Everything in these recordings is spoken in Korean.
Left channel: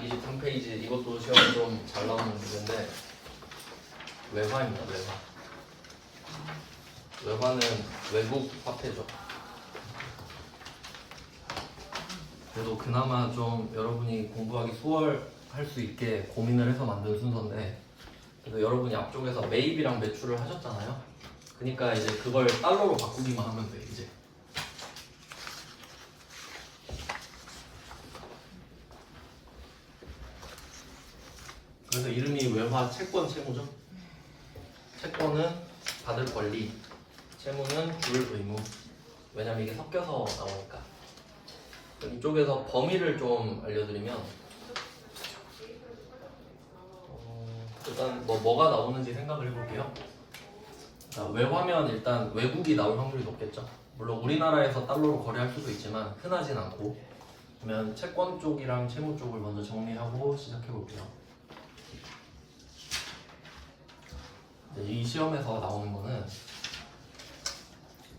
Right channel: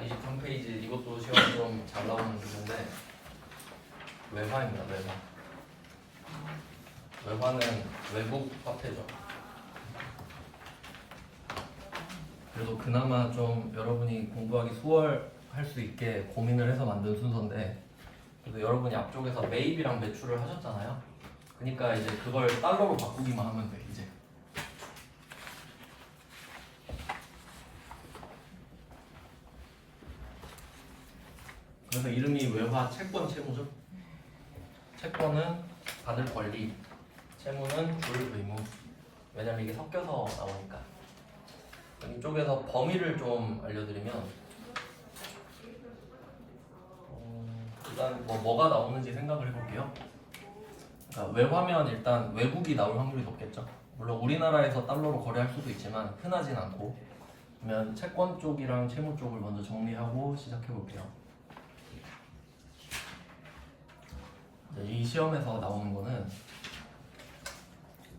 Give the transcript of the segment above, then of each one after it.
23페이지 이것도 시험에 좀 잘 나오는 주제인데 외화입니다. 외화는 외국 화폐죠. 그래도 그나마 좀 여러분이 공부하기 수월할 수 있게 고민을 해서 만든 순서인데, 그래서 여러분이 앞쪽에서 매입이랑 매출을 하셨잖아요. 그러니까 이제 그걸 달러로 바꾸기만 하면 돼 이제. 그래서 이름이 외화 채권 채무죠. 채권은 받을 권리, 채무는 줄 의무. 왜냐면 이게 섞여서 나오니까. 이쪽에서 범위를 좀 알려드리면, 일단 뭐가 나오는지 생각을 해볼게요. 그러니까 외화면 일단 외국이 나올 확률이 높겠죠. 물론 우리나라에서 달러로 거래할 수도 있지만 흔하진 않고. 그러면 채권 쪽이랑 채무 쪽을 먼저 정리하고 시작해 볼게요. 이 시험에서 나오는 거는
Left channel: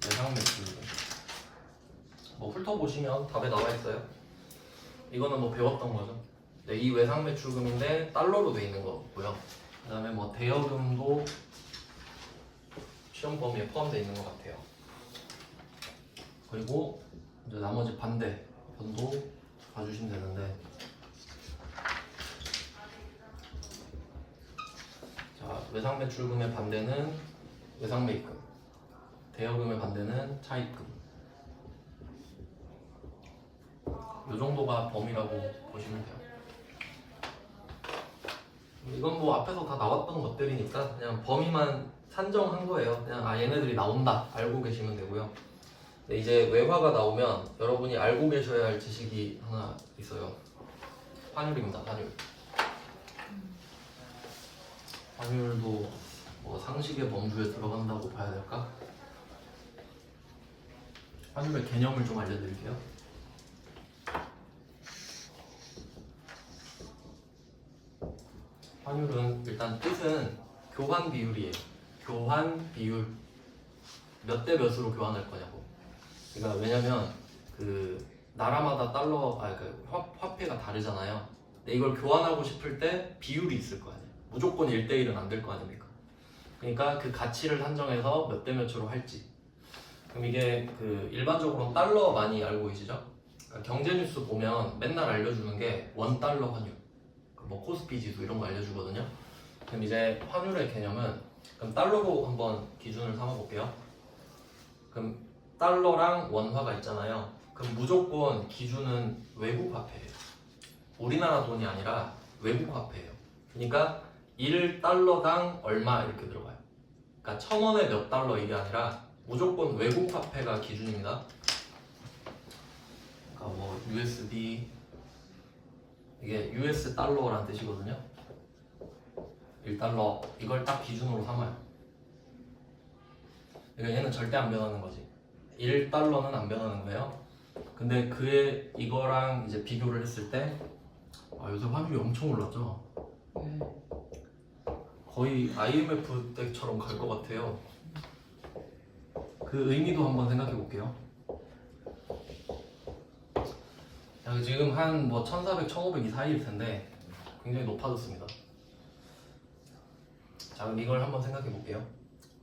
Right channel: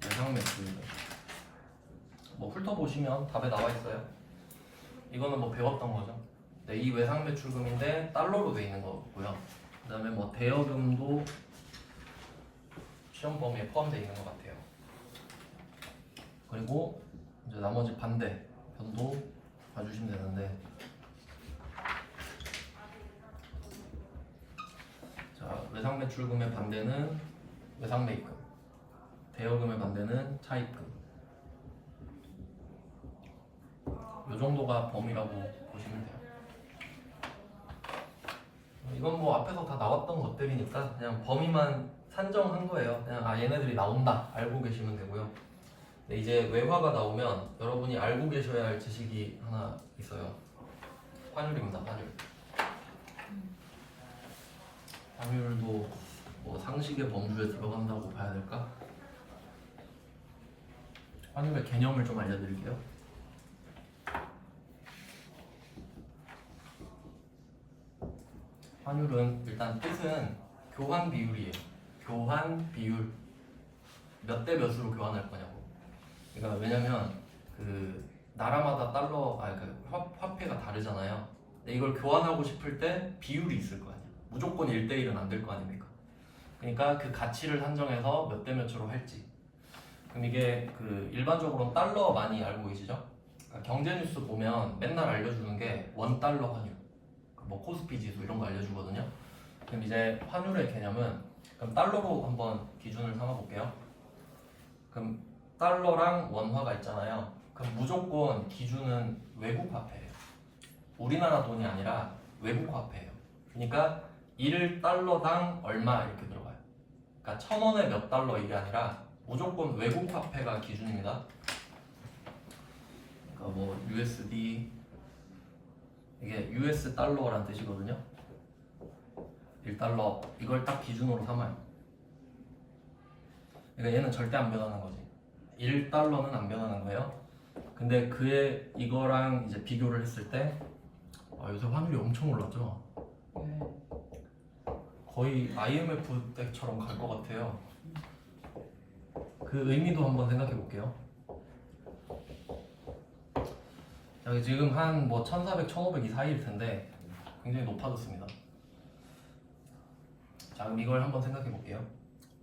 외상 매출. 뭐 훑어보시면 답에 나와 있어요. 이거는 뭐 배웠던 거죠. 이 외상 매출금인데 달러로 돼 있는 거고요. 그 다음에 뭐 대여금도 시험 범위에 포함되어 있는 것 같아요. 그리고 이제 나머지 반대 변도 봐주시면 되는데, 자, 외상 매출금의 반대는 외상 매입금, 대여금의 반대는 차입금. 이 정도가 범위라고 보시면 돼요. 이건 뭐 앞에서 다 나왔던 것들이니까 그냥 범위만 산정한 거예요. 그냥 얘네들이 나온다 알고 계시면 되고요. 근데 이제 외화가 나오면 여러분이 알고 계셔야 할 지식이 하나 있어요. 환율입니다. 환율도 뭐 상식의 범주에 들어간다고 봐야 될까? 환율의 개념을 좀 알려드릴게요. 환율은 일단 뜻은 교환 비율이에요. 교환 비율. 몇 대 몇으로 교환할 거냐고. 그러니까 왜냐면 그 나라마다 화폐가 다르잖아요. 근데 이걸 교환하고 싶을 때 비율이 있을 거 아니에요. 무조건 1대1은 안 될 거 아닙니까? 그러니까 그 가치를 산정해서 몇 대 몇으로 할지. 그럼 이게 그 일반적으로 달러 많이 알고 계시죠? 그러니까 경제 뉴스 보면 맨날 알려주는 게 원달러 환율, 뭐 코스피 지수 이런 거 알려주거든요. 그럼 이제 환율의 개념은, 그럼 달러로 한번 기준을 삼아 볼게요. 그럼 달러랑 원화가 있잖아요. 그럼 무조건 기준은 외국 화폐예요. 우리나라 돈이 아니라 외국 화폐예요. 그러니까 1달러당 얼마 이렇게 들어가요. 그러니까 1,000원에 몇 달러 이게 아니라 무조건 외국 화폐가 기준입니다. 그러니까 뭐 USD, 이게 US 달러라는 뜻이거든요. 1달러 이걸 딱 기준으로 삼아요. 그러니까 얘는 절대 안 변하는 거지. 1달러는 안 변하는 거예요. 근데 그의 이거랑 이제 비교를 했을 때 요새 환율이 엄청 올랐죠. 거의 IMF 때처럼 갈 것 같아요. 그 의미도 한번 생각해 볼게요. 여기 지금 한 뭐 1,400, 1,500 이 사이일 텐데 굉장히 높아졌습니다. 자, 그럼 이걸 한번 생각해 볼게요.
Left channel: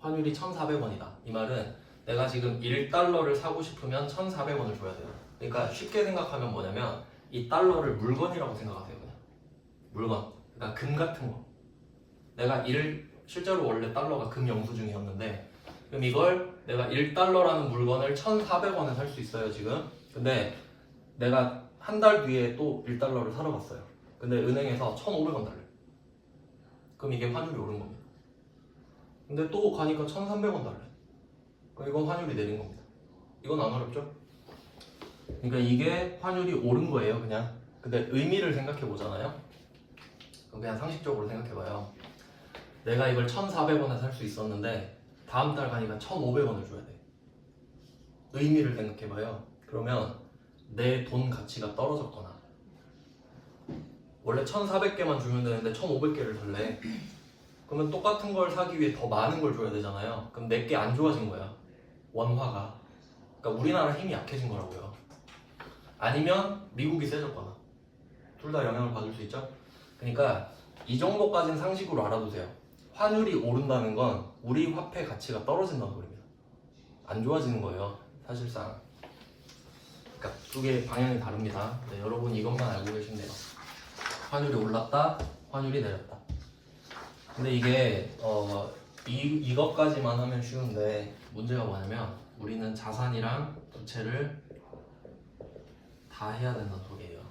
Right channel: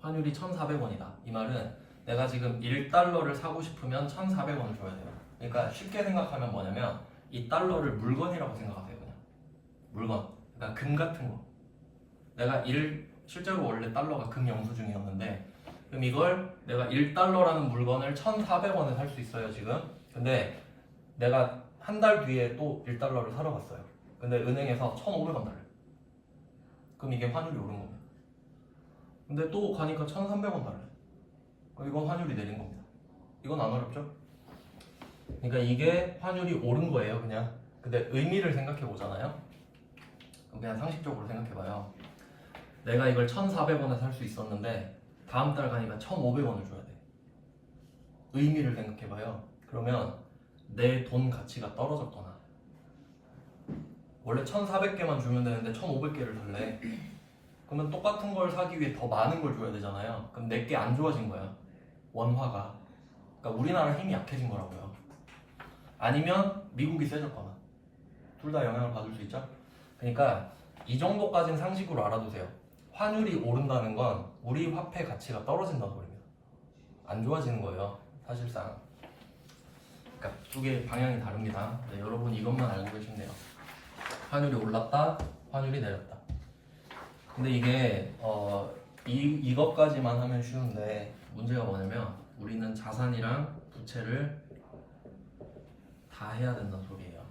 환율이 1,400원이다. 이 말은 내가 지금 1달러를 사고 싶으면 1,400원을 줘야 돼요. 그러니까 쉽게 생각하면 뭐냐면 이 달러를 물건이라고 생각하세요. 그냥 물건. 그러니까 금 같은 거. 내가 실제로 원래 달러가 금 영수증이었는데, 그럼 이걸 내가 1달러라는 물건을 1,400원에 살 수 있어요 지금. 근데 내가 한 달 뒤에 또 1달러를 사러 갔어요. 근데 은행에서 1,500원 달래. 그럼 이게 환율이 오른 겁니다. 근데 또 가니까 1,300원 달래. 그럼 이건 환율이 내린 겁니다. 이건 안 어렵죠? 그러니까 이게 환율이 오른 거예요 그냥. 근데 의미를 생각해 보잖아요. 그냥 상식적으로 생각해 봐요. 내가 이걸 1,400원에 살 수 있었는데 다음 달 가니까 1,500원을 줘야 돼. 의미를 생각해 봐요. 그러면 내 돈 가치가 떨어졌거나, 원래 1,400개만 주면 되는데 1,500개를 달래. 그러면 똑같은 걸 사기 위해 더 많은 걸 줘야 되잖아요. 그럼 내게 안 좋아진 거야, 원화가. 그러니까 우리나라 힘이 약해진 거라고요. 아니면 미국이 세졌거나. 둘 둘 다 영향을 받을 수 있죠. 그러니까 이 정도까지는 상식으로 알아두세요. 환율이 오른다는 건 우리 화폐 가치가 떨어진다는 소리입니다. 안 좋아지는 거예요, 사실상. 그러니까 두 개의 방향이 다릅니다. 네, 여러분 이것만 알고 계시네요. 환율이 올랐다, 환율이 내렸다. 근데 이게 이것까지만 하면 쉬운데 문제가 뭐냐면 우리는 자산이랑 부채를 다 해야 된다는 소리예요.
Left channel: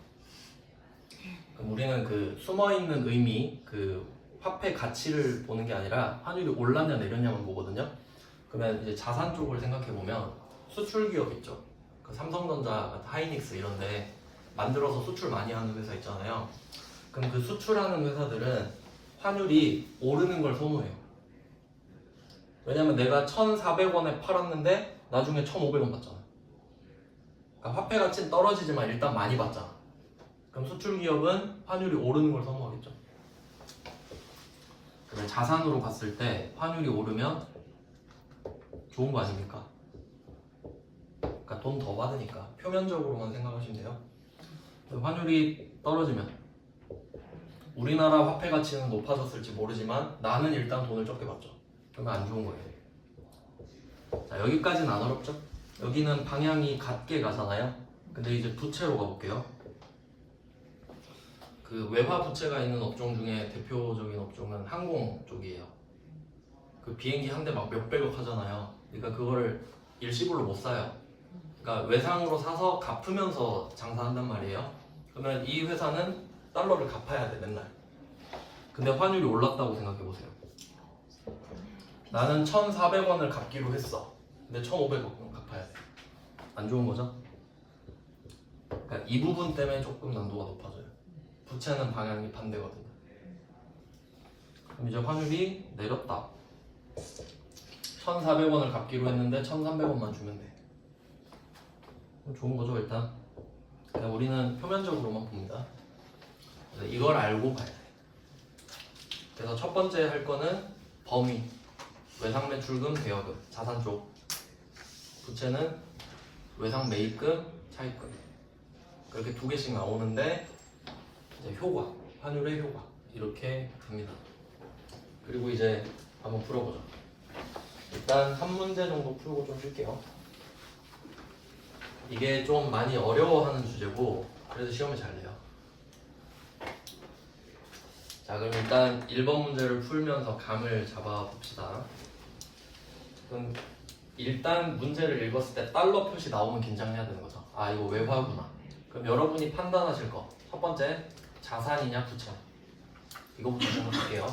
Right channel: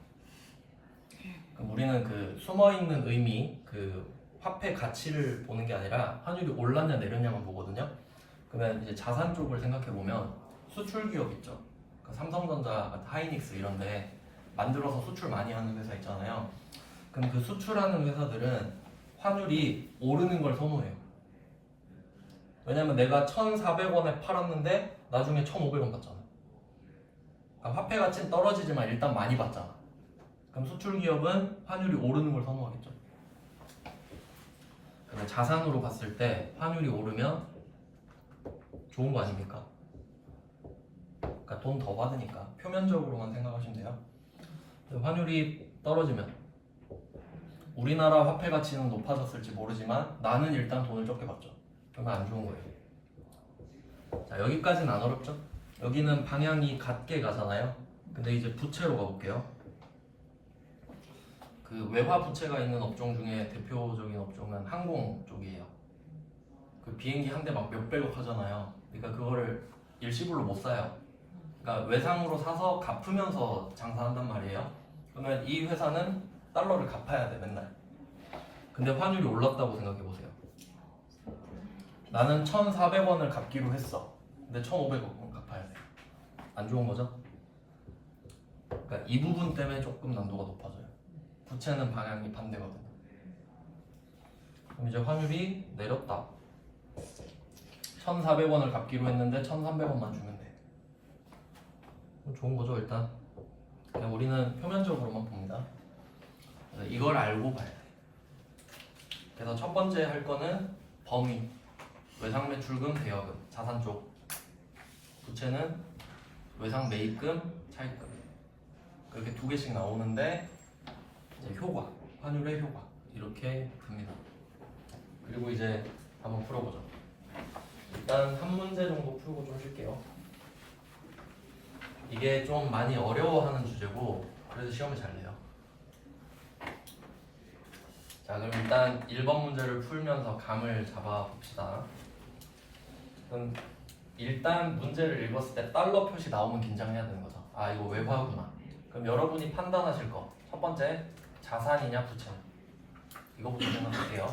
그럼 우리는 그 숨어있는 의미, 그 화폐 가치를 보는 게 아니라 환율이 올랐냐 내렸냐만 보거든요. 그러면 이제 자산 쪽을 생각해 보면 수출 기업 있죠. 그 삼성전자, 하이닉스 이런데 만들어서 수출 많이 하는 회사 있잖아요. 그럼 그 수출하는 회사들은 환율이 오르는 걸 선호해요. 왜냐면 내가 1,400원에 팔았는데 나중에 1,500원 받잖아. 그러니까 화폐 가치는 떨어지지만 일단 많이 받잖아. 그럼 수출 기업은 환율이 오르는 걸 선호하겠죠. 근데 자산으로 봤을 때 환율이 오르면 좋은 거 아닙니까? 그러니까 돈 더 받으니까 표면적으로만 생각하시면 돼요. 환율이 떨어지면 우리나라 화폐 가치는 높아졌을지 모르지만 나는 일단 돈을 적게 받죠. 그러면 안 좋은 거예요. 자, 여기까지는 안 어렵죠? 여기는 방향이 같게 가잖아요. 근데 이제 부채로 가볼게요. 그 외화 부채가 있는 업종 중에 대표적인 업종은 항공 쪽이에요. 그 비행기 한 대 막 몇백억 하잖아요. 그러니까 그거를 일시불로 못 사요. 그러니까 외상으로 사서 갚으면서 장사한단 말이에요. 그러면 이 회사는 달러를 갚아야 돼 맨날. 근데 환율이 올랐다고 생각해 보세요. 나는 1,400원을 갚기로 했어. 근데 1,500원 갚아야 돼. 안 좋은 거죠? 그러니까 이 부분 때문에 조금 난도가 높아져요. 부채는 방향이 반대거든요. 그럼 이제 환율이 내렸다. 1,400원을 갚기로 했는데 1,300원만 주면 돼. 좋은 거죠 일단. 그냥 우리는 표면적으로만 봅니다. 이걸 알고 봐야 돼. 그래서 첫 번째 할 거는 범위, 외상 매출금, 대여금, 자산 쪽. 부채는 외상 매입금, 차입금. 그렇게 두 개씩 나오는데 이제 효과, 환율의 효과 이렇게 봅니다. 그리고 이제 한번 풀어보죠. 일단 한 문제 정도 풀고 좀 쉴게요. 이게 좀 많이 어려워하는 주제고 그래서 시험을 잘 내요. 자, 그럼 일단 1번 문제를 풀면서 감을 잡아 봅시다. 그럼 일단 문제를 읽었을 때 달러 표시 나오면 긴장해야 되는 거죠. 아, 이거 외화구나. 그럼 여러분이 판단하실 거. 첫 번째, 자산이냐 부채냐. 이거부터 생각할게요.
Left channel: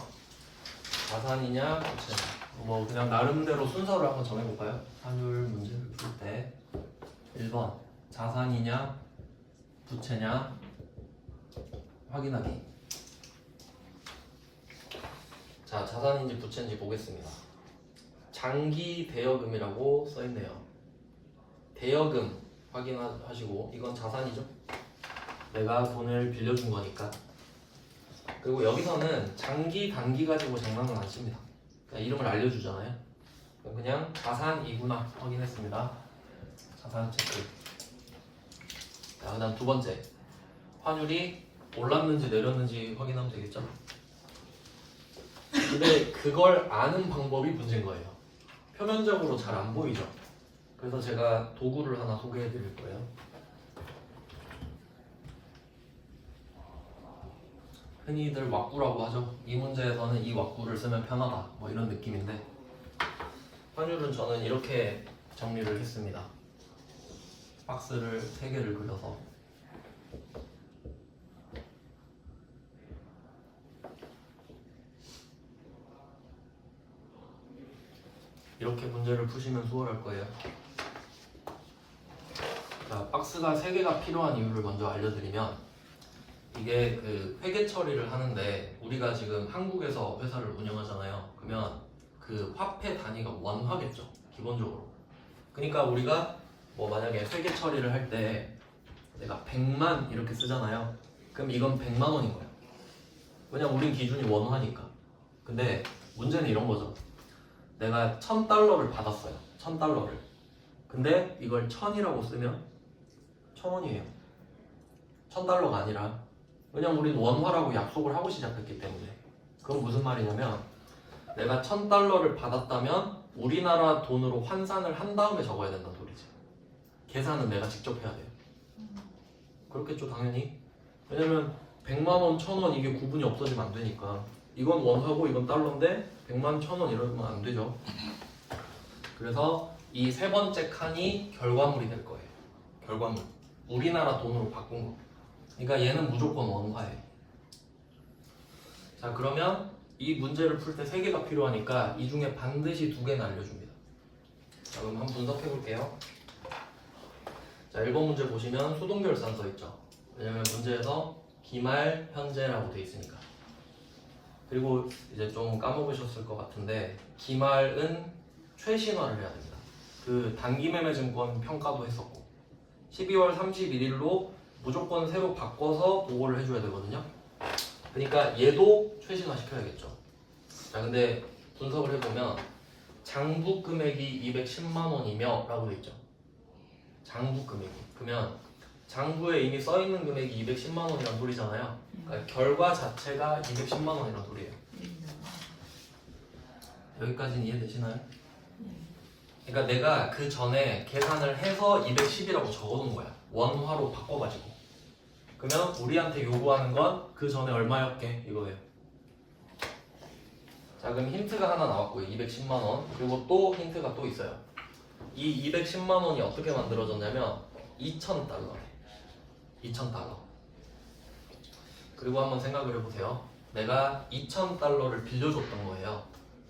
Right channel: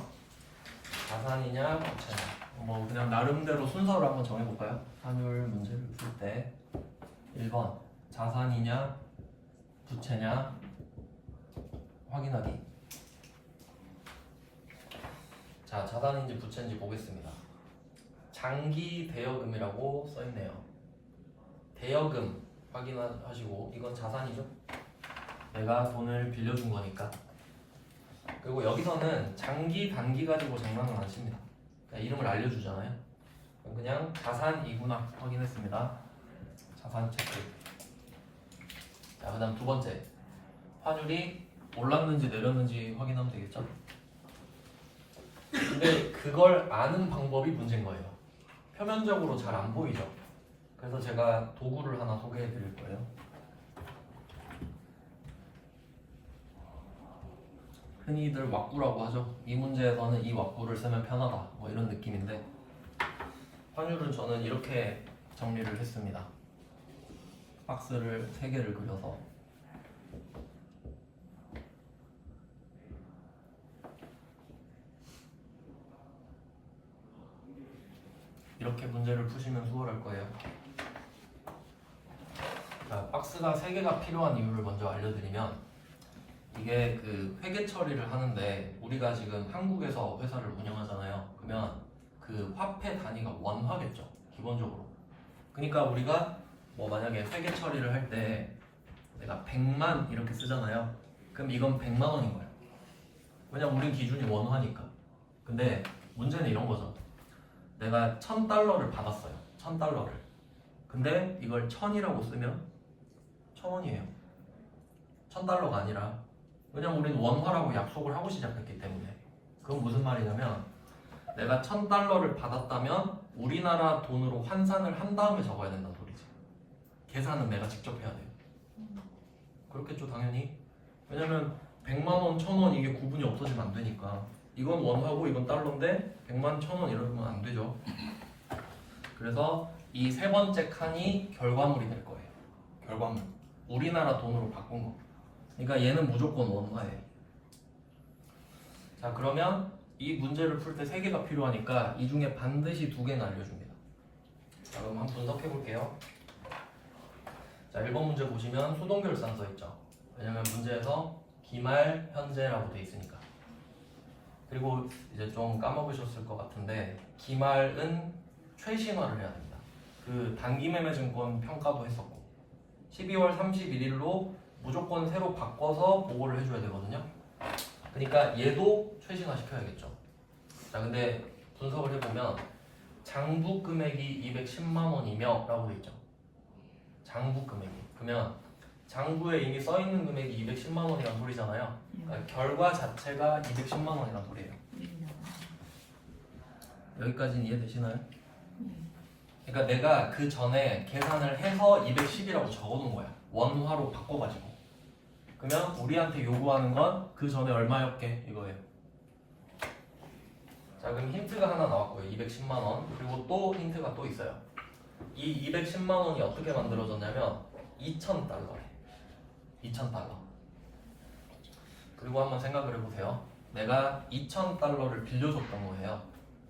자산이냐 부채냐. 뭐 그냥 나름대로 순서를 한번 정해볼까요? 환율 문제를 풀 때 1번 자산이냐 부채냐 확인하기. 자, 자산인지 부채인지 보겠습니다. 장기 대여금이라고 써있네요. 대여금 확인하시고 이건 자산이죠. 내가 돈을 빌려준 거니까. 그리고 여기서는 장기 단기 가지고 장난은 안 칩니다. 그냥 이름을 알려주잖아요. 그럼 그냥 자산이구나 확인했습니다. 자산 체크. 자, 그다음 두 번째, 환율이 올랐는지 내렸는지 확인하면 되겠죠. 근데 그걸 아는 방법이 문제인 거예요. 표면적으로 잘 안 보이죠. 그래서 제가 도구를 하나 소개해 드릴 거예요. 흔히들 왁구라고 하죠. 이 문제에서는 이 왁구를 쓰면 편하다 뭐 이런 느낌인데, 환율은 저는 이렇게 정리를 했습니다. 박스를 3개를 그려서 이렇게 문제를 푸시면 수월할 거예요. 그러니까 박스가 3개가 필요한 이유를 먼저 알려드리면, 이게 그 회계 처리를 하는데 우리가 지금 한국에서 회사를 운영하잖아요. 그러면 그 화폐 단위가 원화겠죠, 기본적으로. 그러니까 우리가 뭐 만약에 회계 처리를 할 때 내가 100만 이렇게 쓰잖아요. 그럼 이건 100만 원인 거야. 왜냐면 우리 기준이 원화니까. 근데 문제는 이런 거죠. 내가 1,000달러를 받았어요. 1,000달러를. 근데 이걸 1,000이라고 쓰면 1,000원이에요. 1,000달러가 아니라 왜냐면 우리는 원화라고 약속을 하고 시작했기 때문에. 그건 무슨 말이냐면 내가 $1,000를 받았다면 우리나라 돈으로 환산을 한 다음에 적어야 된다는 소리지. 계산은 내가 직접 해야 돼요. 그렇겠죠 당연히. 왜냐면 100만 원, 1,000원 이게 구분이 없어지면 안 되니까. 이건 원하고 이건 달러인데 100만, 1,000원 이러면 안 되죠. 그래서 이 세 번째 칸이 결과물이 될 거예요. 결과물. 우리나라 돈으로 바꾼 거. 그러니까 얘는 무조건 원화예요. 자 그러면 이 문제를 풀 때 3개가 필요하니까 이 중에 반드시 2개는 알려줍니다. 자 그럼 한번 분석해 볼게요. 자 1번 문제 보시면 수동결산 써있죠. 왜냐면 문제에서 기말 현재라고 돼 있으니까. 그리고 이제 좀 까먹으셨을 것 같은데 기말은 최신화를 해야 됩니다. 그 단기매매증권 평가도 했었고 12월 31일로 무조건 새로 바꿔서 보고를 해줘야 되거든요. 그러니까 얘도 최신화 시켜야겠죠. 자 근데 분석을 해보면 장부 금액이 210만 원이며 라고 돼 있죠. 장부 금액이. 그러면 장부에 이미 써있는 금액이 210만 원이란 소리잖아요. 그러니까 결과 자체가 210만 원이란 소리예요. 여기까지는 이해되시나요? 그러니까 내가 그 전에 계산을 해서 210이라고 적어놓은 거야. 원화로 바꿔가지고. 그러면 우리한테 요구하는 건 그 전에 얼마였게 이거예요. 자 그럼 힌트가 하나 나왔고요. 210만 원. 그리고 또 힌트가 또 있어요. 이 210만 원이 어떻게 만들어졌냐면 2,000달러. 2,000달러. 그리고 한번 생각을 해보세요. 내가 2,000달러를 빌려줬던 거예요.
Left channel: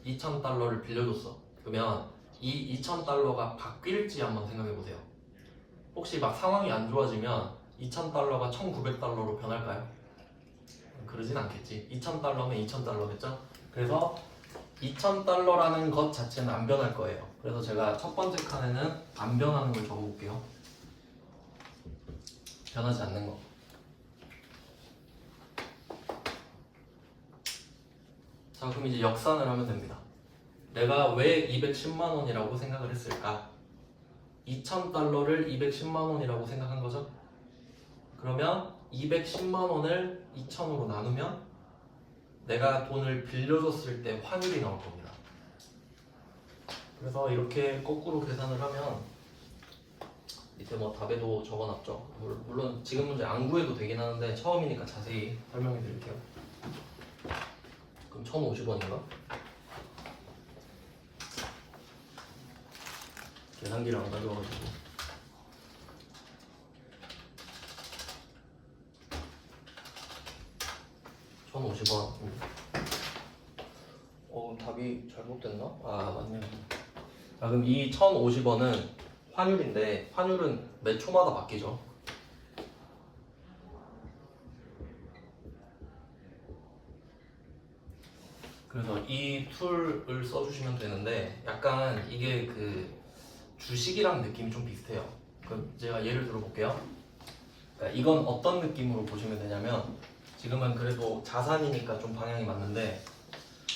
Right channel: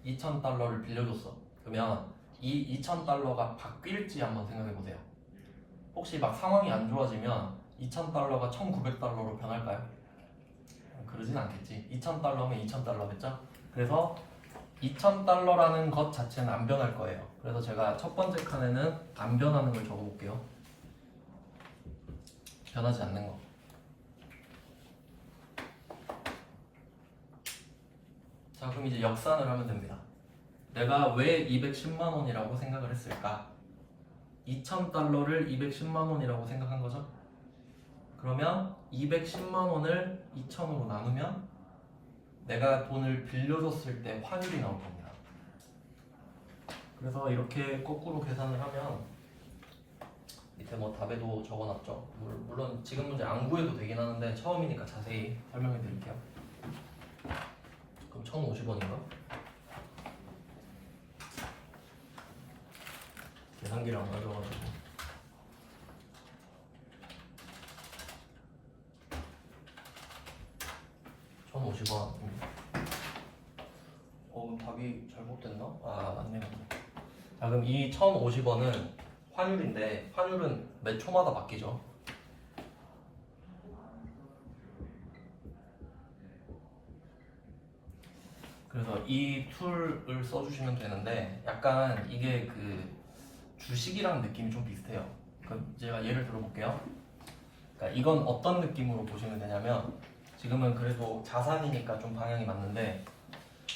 2,000달러를 빌려줬어. 그러면 이 2,000달러가 바뀔지 한번 생각해보세요. 혹시 막 상황이 안 좋아지면 2,000달러가 1,900달러로 변할까요? 그러진 않겠지. 2,000달러면 2,000달러겠죠? 그래서 2,000달러라는 것 자체는 안 변할 거예요. 그래서 제가 첫 번째 칸에는 안 변하는 걸 적어볼게요. 변하지 않는 거. 자 그럼 이제 역산을 하면 됩니다. 내가 왜 210만 원이라고 생각을 했을까? 2,000달러를 210만 원이라고 생각한 거죠? 그러면 210만 원을 2,000으로 나누면 내가 돈을 빌려줬을 때 환율이 나올 겁니다. 그래서 이렇게 거꾸로 계산을 하면 밑에 뭐 답에도 적어놨죠. 물론 지금 문제 안 구해도 되긴 하는데 처음이니까 자세히 설명해 드릴게요. 그럼 1,050원인가? 계산기를 안 가져와가지고 1,050원. 답이 잘못됐나? 아 맞네요. 자 그럼 이 1,050원은 환율인데 환율은 몇 초마다 바뀌죠? 그래서 이 툴을 써주시면 되는데 약간 이게 그 주식이랑 느낌이 좀 비슷해요. 그럼 제가 예를 들어볼게요. 그러니까 이건 어떤 느낌으로 보시면 되냐면 지금은 그래도 자산이니까 좀 방향이 맞는데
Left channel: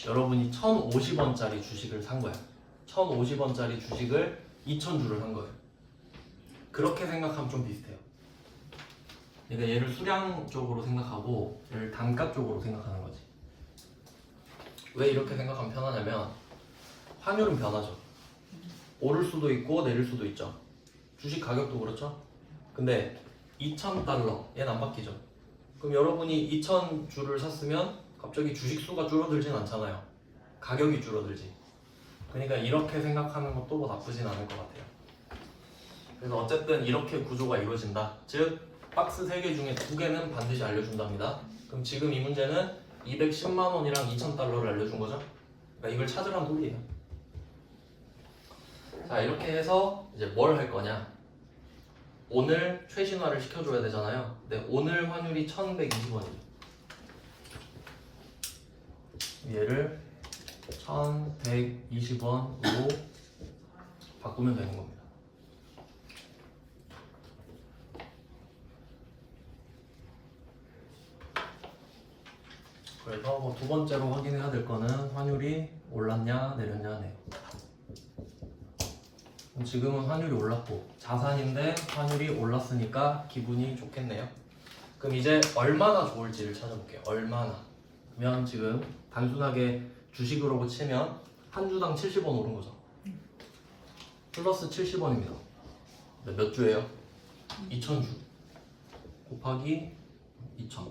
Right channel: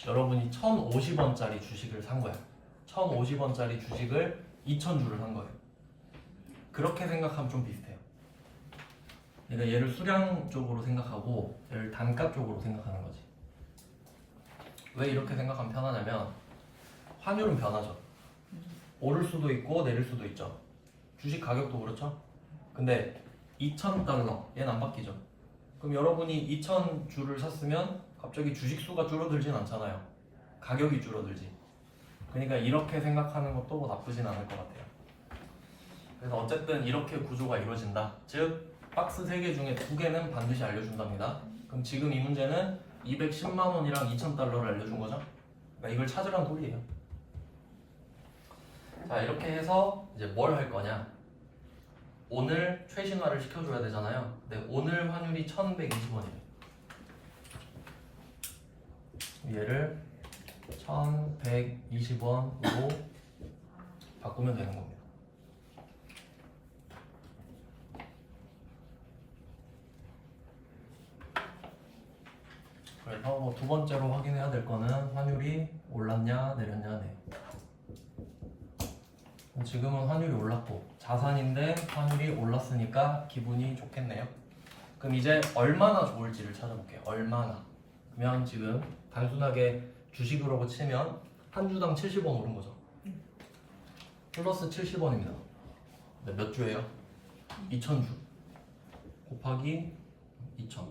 여러분이 1,050원짜리 주식을 산 거야. 1,050원짜리 주식을 2,000주를 산 거예요. 그렇게 생각하면 좀 비슷해요. 그러니까 얘를 수량 쪽으로 생각하고 얘를 단가 쪽으로 생각하는 거지. 왜 이렇게 생각하면 편하냐면 환율은 변하죠. 오를 수도 있고 내릴 수도 있죠. 주식 가격도 그렇죠. 근데 2,000달러 얘는 안 바뀌죠. 그럼 여러분이 2,000주를 샀으면 갑자기 주식 수가 줄어들진 않잖아요. 가격이 줄어들지. 그러니까 이렇게 생각하는 것도 뭐 나쁘진 않을 것 같아요. 그래서 어쨌든 이렇게 구조가 이루어진다. 즉 박스 3개 중에 2개는 반드시 알려준답니다. 그럼 지금 이 문제는 210만 원이랑 2,000달러를 알려준 거죠. 그러니까 이걸 찾으라는 소리예요. 자 이렇게 해서 이제 뭘 할 거냐. 오늘 최신화를 시켜줘야 되잖아요. 근데 오늘 환율이 1,120원이에요. 얘를 1,120원으로 바꾸면 되는 겁니다. 그래서 뭐 두 번째로 확인해야 될 거는 환율이 올랐냐 내렸냐네요. 지금은 환율이 올랐고 자산인데 환율이 올랐으니까 기분이 좋겠네요. 그럼 이제 얼마나 좋을지를 찾아볼게요. 얼마나. 그러면 지금 단순하게 주식으로 치면 한 주당 70원 오른 거죠. 플러스 70원입니다. 몇 주예요? 2000주 곱하기 2000.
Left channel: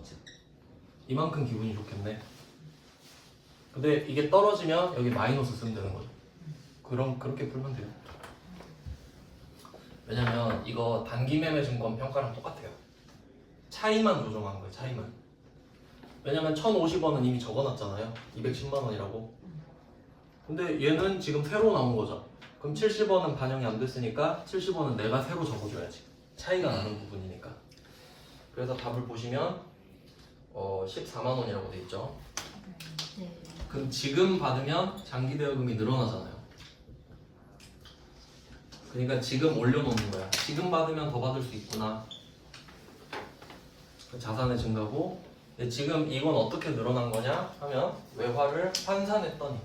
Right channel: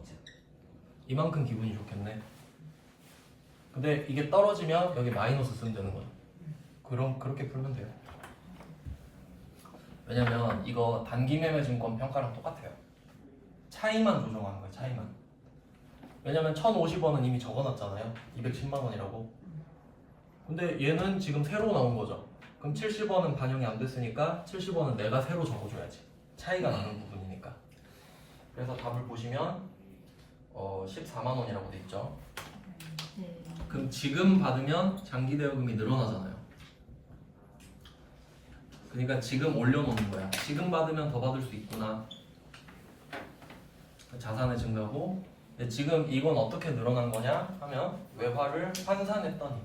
이만큼 기분이 좋겠네. 근데 이게 떨어지면 여기 마이너스 쓰면 되는 거죠. 그럼 그렇게 풀면 돼요. 왜냐면 이거 단기 매매 증권 평가랑 똑같아요. 차이만 조정한 거예요. 차이만. 왜냐면 1050원은 이미 적어놨잖아요. 210만 원이라고. 근데 얘는 지금 새로 나온 거죠. 그럼 70원은 반영이 안 됐으니까 70원은 내가 새로 적어줘야지. 차이가 나는 부분이니까. 그래서 답을 보시면 14만 원이라고 돼 있죠. 네. 그럼 지금 받으면 장기 대여금이 늘어나잖아요. 그러니까 지금 올려놓는 거야. 지금 받으면 더 받을 수 있구나. 자산의 증가고. 근데 지금 이건 어떻게 늘어난 거냐 하면 외화를 환산했더니,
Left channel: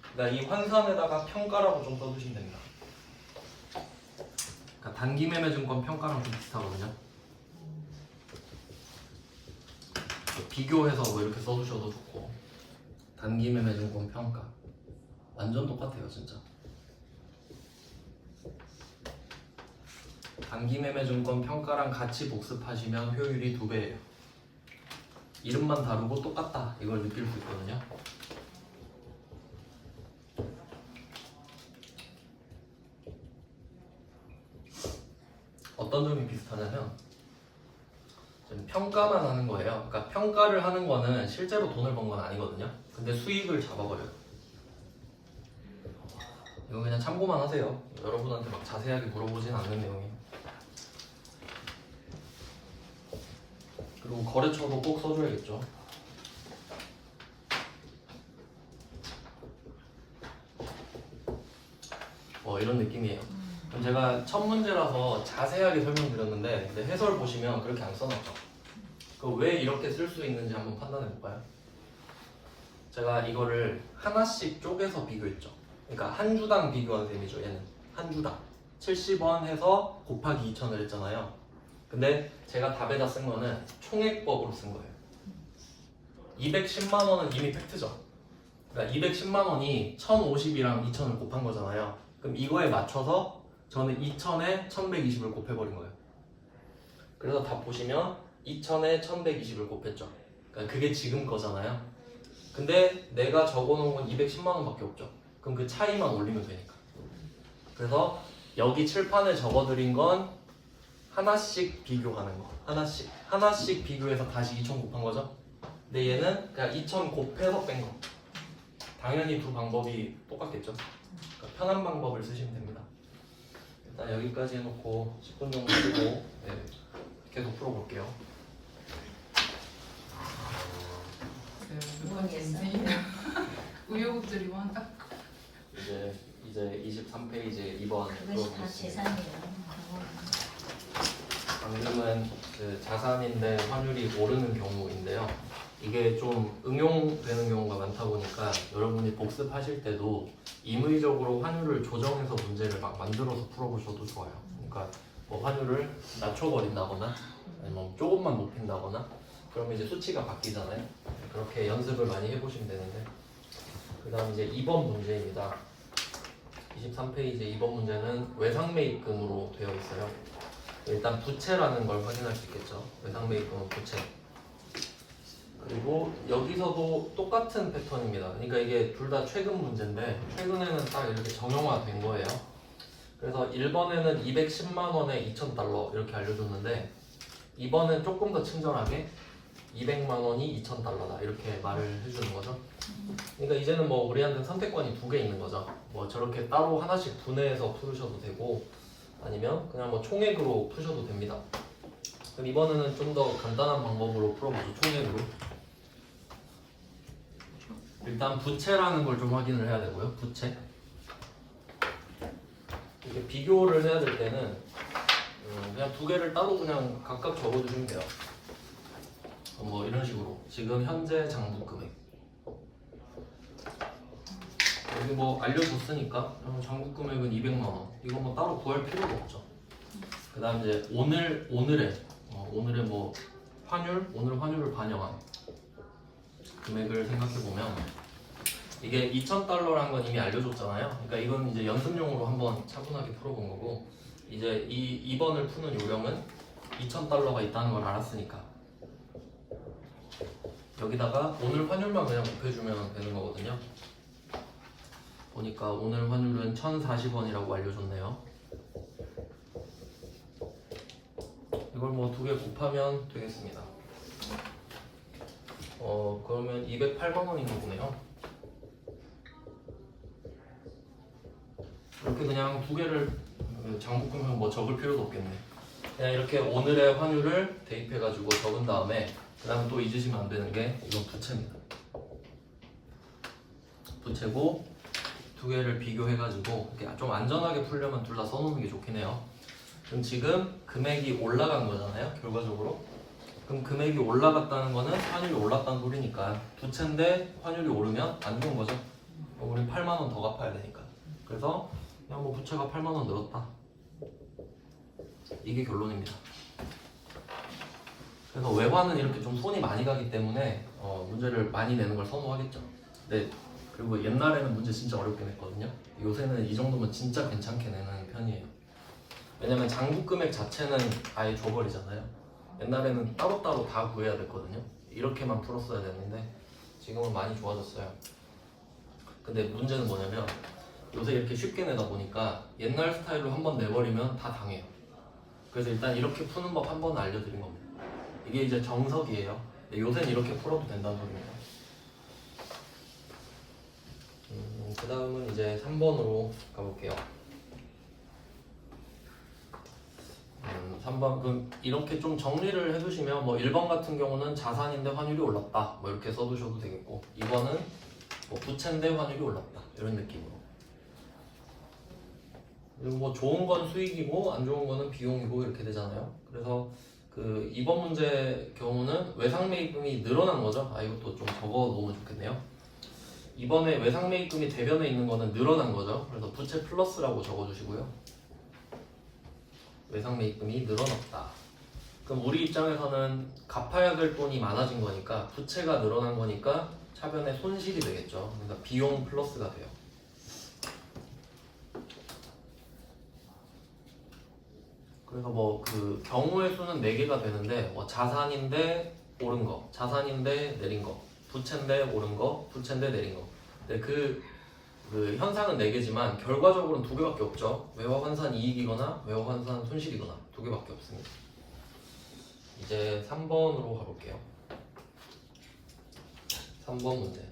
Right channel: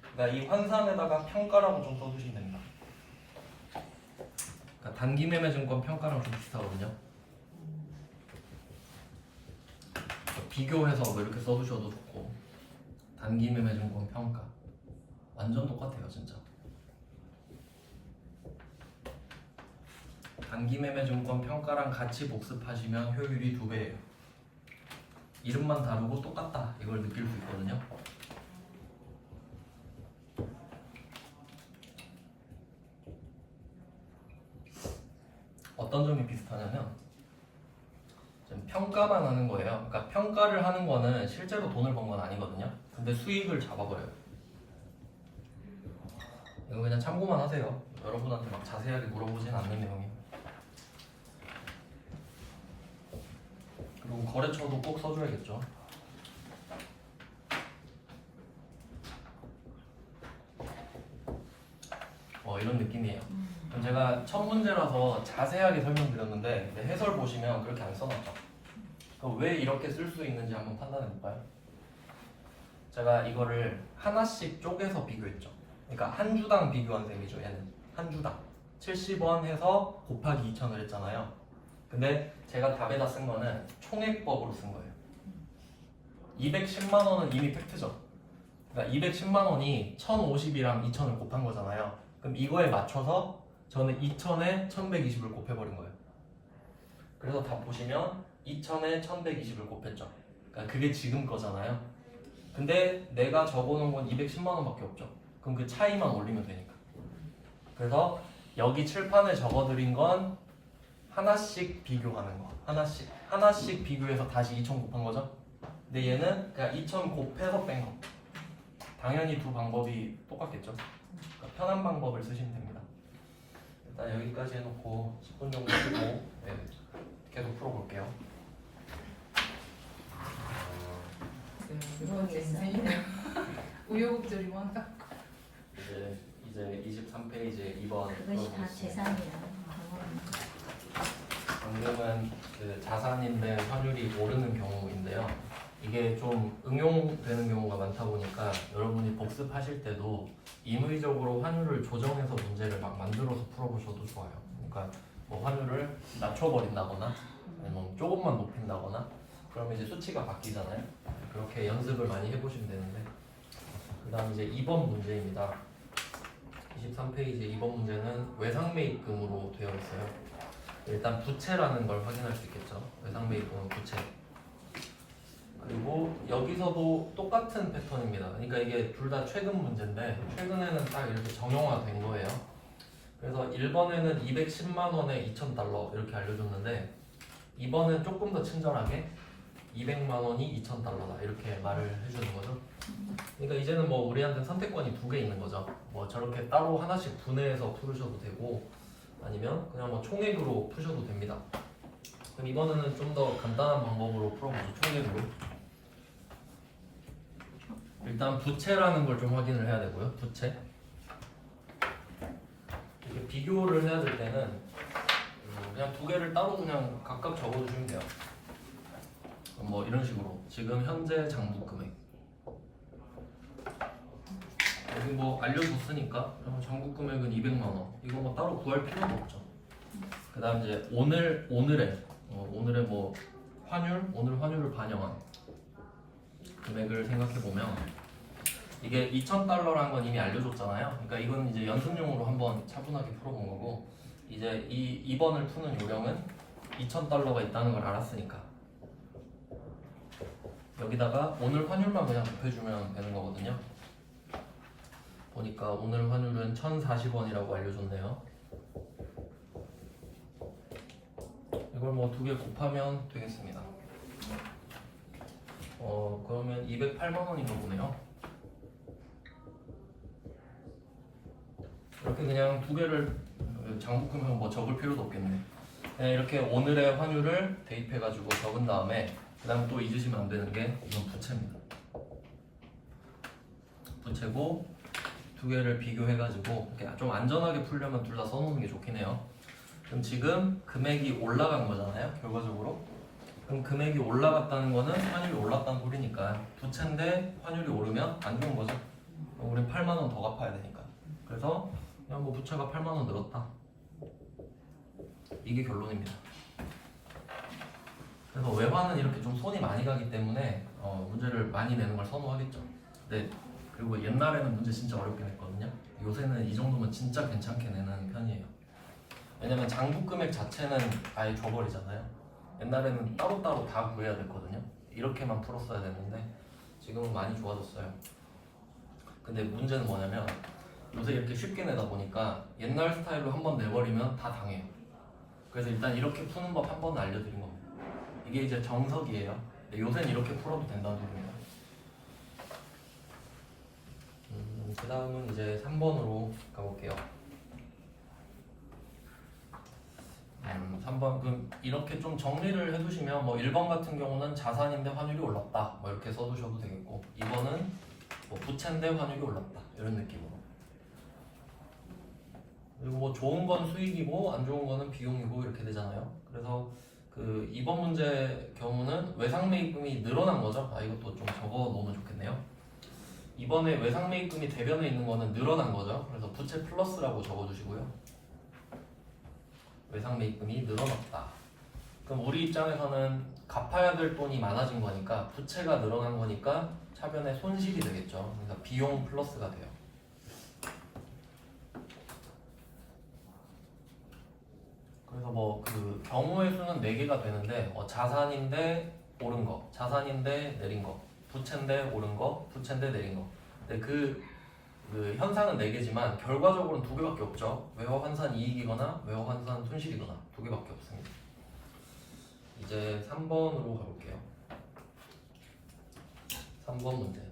그러니까 이 환산에다가 평가라고 좀 써주시면 됩니다. 그러니까 단기 매매 증권 평가랑 좀 비슷하거든요. 비교해서 뭐 이렇게 써주셔도 좋고, 단기 매매 증권 평가 완전 똑같아요 진짜. 단기 매매 증권 평가랑 같이 복습하시면 효율이 2배예요. 이름만 다르고 똑같다 이걸 느낄 수 있거든요. 어떤 점이 비슷하냐면 지금 평가만 하는 거예요. 그러니까 평가를 하는 거는 실제로 돈을 번 건 아니거든요. 근데 수익을 잡아버려요. 이거 그냥 참고만 하세요. 여러분한테 막 자세하게 물어보진 않는 내용이에요. 그리고 거래처도 꼭 써줘야겠죠. 이런 느낌이에요. 그럼 제가 첫 문제라서 자세하게 설명드렸는데, 근데 해설 보시면 그렇게 안 써놨죠. 그럼 왜 이렇게 쓸 수 있는지 한번 판단해 볼까요? 제가 이거를 하나씩 쪼개서 비교했죠. 그러니까 한 주당 비교한 셈이죠. 얘는 한 주당 70원 해서 곱하기 2,000을 했잖아요. 근데 제가 답에다 쓴 거는 총액법으로 쓴 거예요. 210만 원은 이미 팩트죠. 그러니까 210만 원이 1050이랑 2000을 곱한 거잖아요. 그럼 이거에 맞춰서 저는 2000에 1120을 곱해버린 거예요. 그래서 답 보시면 2000에 1120을 곱했죠. 그러니까 그게 지금 거잖아요. 근데 내가 적어놓은 건 210만 원밖에 없죠. 그럼 그 차이만 올리면 되니까. 그래서 여기 칠판에 적어드린 건 하나씩 비교하는 거. 하나씩 비교해서 다시 2000 곱한 거죠. 근데 얘는 그냥 2000 곱해서 뺀 거. 당연히 두 방법이 똑같겠죠. 그러니까 편한 방법을 쓰시면 됩니다. 일단 여기까지 해놓고 10분 정도 쓰고 계속 풀어볼게요. 몇 번째 인생이나 우여곡절이 많다. 이제 23페이지 2번 그것이 다 재산이에요. 방금은 그 자산인데 환율이 오르는 경우인데요. 이게 좀 응용되는 경우가 많다 보니까 여러분이 복습하실 때도 임의적으로 환율을 조정해서 문제를 막 만들어서 풀어보셔도 좋아요. 그러니까 뭐 환율을 낮춰버린다거나 아니면 조금만 높인다거나 그러면 이제 수치가 바뀌잖아요. 그렇게 연습을 많이 해보시면 되는데, 그 다음 이제 2번 문제입니다. 23페이지 2번 문제는 외상매입금으로 되어 있어요. 일단 부채라는 걸 확인할 수 있겠죠. 외상매입금은 부채. 그리고 여기서도 똑같은 패턴입니다. 그러니까 이게 둘 다 최근 문제인데 최근에는 딱 이렇게 정형화된 거예요. 그래서 1번에는 210만 원에 2,000달러 이렇게 알려줬는데 2번은 조금 더 친절하게 200만 원이 2,000달러다 이렇게 말을 해주는 거죠. 그러니까 이제는 뭐 우리한테 선택권이 2개 있는 거죠. 뭐 저렇게 따로 하나씩 분해해서 풀으셔도 되고 아니면 그냥 뭐 총액으로 푸셔도 됩니다. 그럼 이번에는 좀 더 간단한 방법으로 풀어보죠. 총액으로. 일단 부채라는 걸 좀 확인을 해야 되고요. 부채. 이렇게 비교를 해야 될 때는 그냥 두 개를 따로 그냥 각각 적어주시면 돼요. 뭐 이런 식으로 지금 현재 장부 금액 여기 뭐 알려줬으니까 그럼 장부 금액은 200만 원. 이거 뭐 따로 구할 필요도 없죠. 그 다음 이제 오늘의 뭐 오늘 환율을 반영한 금액을 생각해보면 이게 2,000달러라는 건 이미 알려줬잖아요. 그러니까 이건 이제 연습용으로 한번 차분하게 풀어본 거고 이제 이 2번을 푸는 요령은 2,000달러가 있다는 걸 알았으니까 여기다가 오늘 환율만 그냥 곱해주면 되는 거거든요. 보니까 오늘 환율은 1,040원이라고 알려줬네요. 이걸 뭐 두 개 곱하면 되겠습니다. 그러면 208만 원인가 보네요. 이렇게 그냥 두 개를 장부금형 뭐 적을 필요도 없겠네. 그냥 이렇게 오늘의 환율을 대입해가지고 적은 다음에 그 다음에 또 잊으시면 안 되는 게 이건 부채입니다. 부채고 두 개를 비교해가지고 이렇게 좀 안전하게 풀려면 둘 다 써놓는 게 좋긴 해요. 그럼 지금 금액이 올라간 거잖아요, 결과적으로. 그럼 금액이 올라갔다는 거는 환율이 올랐다는 소리니까 부채인데 환율이 오르면 안 좋은 거죠. 우린 8만 원 더 갚아야 되니까. 그래서 그냥 뭐 부채가 8만 원 늘었다. 이게 결론입니다. 그래서 외환은 이렇게 좀 손이 많이 가기 때문에 문제를 많이 내는 걸 선호하겠죠. 네. 그리고 옛날에는 문제 진짜 어렵게 냈거든요. 요새는 이 정도면 진짜 괜찮게 내는 편이에요. 왜냐면 장부 금액 자체는 아예 줘버리잖아요. 옛날에는 따로따로 다 구해야 됐거든요. 이렇게만 풀었어야 되는데 지금은 많이 좋아졌어요. 근데 문제는 뭐냐면 요새 이렇게 쉽게 내다 보니까 옛날 스타일로 한번 내버리면 다 당해요. 그래서 일단 이렇게 푸는 법 한 번 알려드린 겁니다. 이게 이제 정석이에요. 요새는 이렇게 풀어도 된다는 소리예요. 그 다음은 이제 3번으로 가볼게요. 3번 그럼 이렇게 좀 정리를 해두시면 뭐 1번 같은 경우는 자산인데 환율이 올랐다 뭐 이렇게 써두셔도 되겠고 2번은 뭐 부채인데 환율이 올랐다 이런 느낌으로. 그리고 뭐 좋은 건 수익이고 안 좋은 거는 비용이고 이렇게 되잖아요. 그래서 그 이번 문제 경우는 외상 매입금이 늘어난 거죠. 이것도 좀 적어 놓으면 좋겠네요. 이번에 외상 매입금이 대변에 있는 거는 늘어난 거죠. 그래서 부채 플러스라고 적어 주시고요. 외상 매입금이 늘어났다. 그럼 우리 입장에서는 갚아야 될 돈이 많아진 거니까 부채가 늘어난 거니까 차변에 손실이 되겠죠. 그러니까 비용 플러스가 돼요. 그래서 뭐 그 경우의 수는 4개가 되는데 자산인데 오른 거, 자산인데 내린 거, 부채인데 오른 거, 부채인데 내린 거. 근데 그 현상은 4개지만 결과적으로는 2개밖에 없죠. 외화 환산 이익이거나 외화 환산 손실이거나 2개밖에 없습니다. 이제 3번으로 가볼게요. 3번 문제.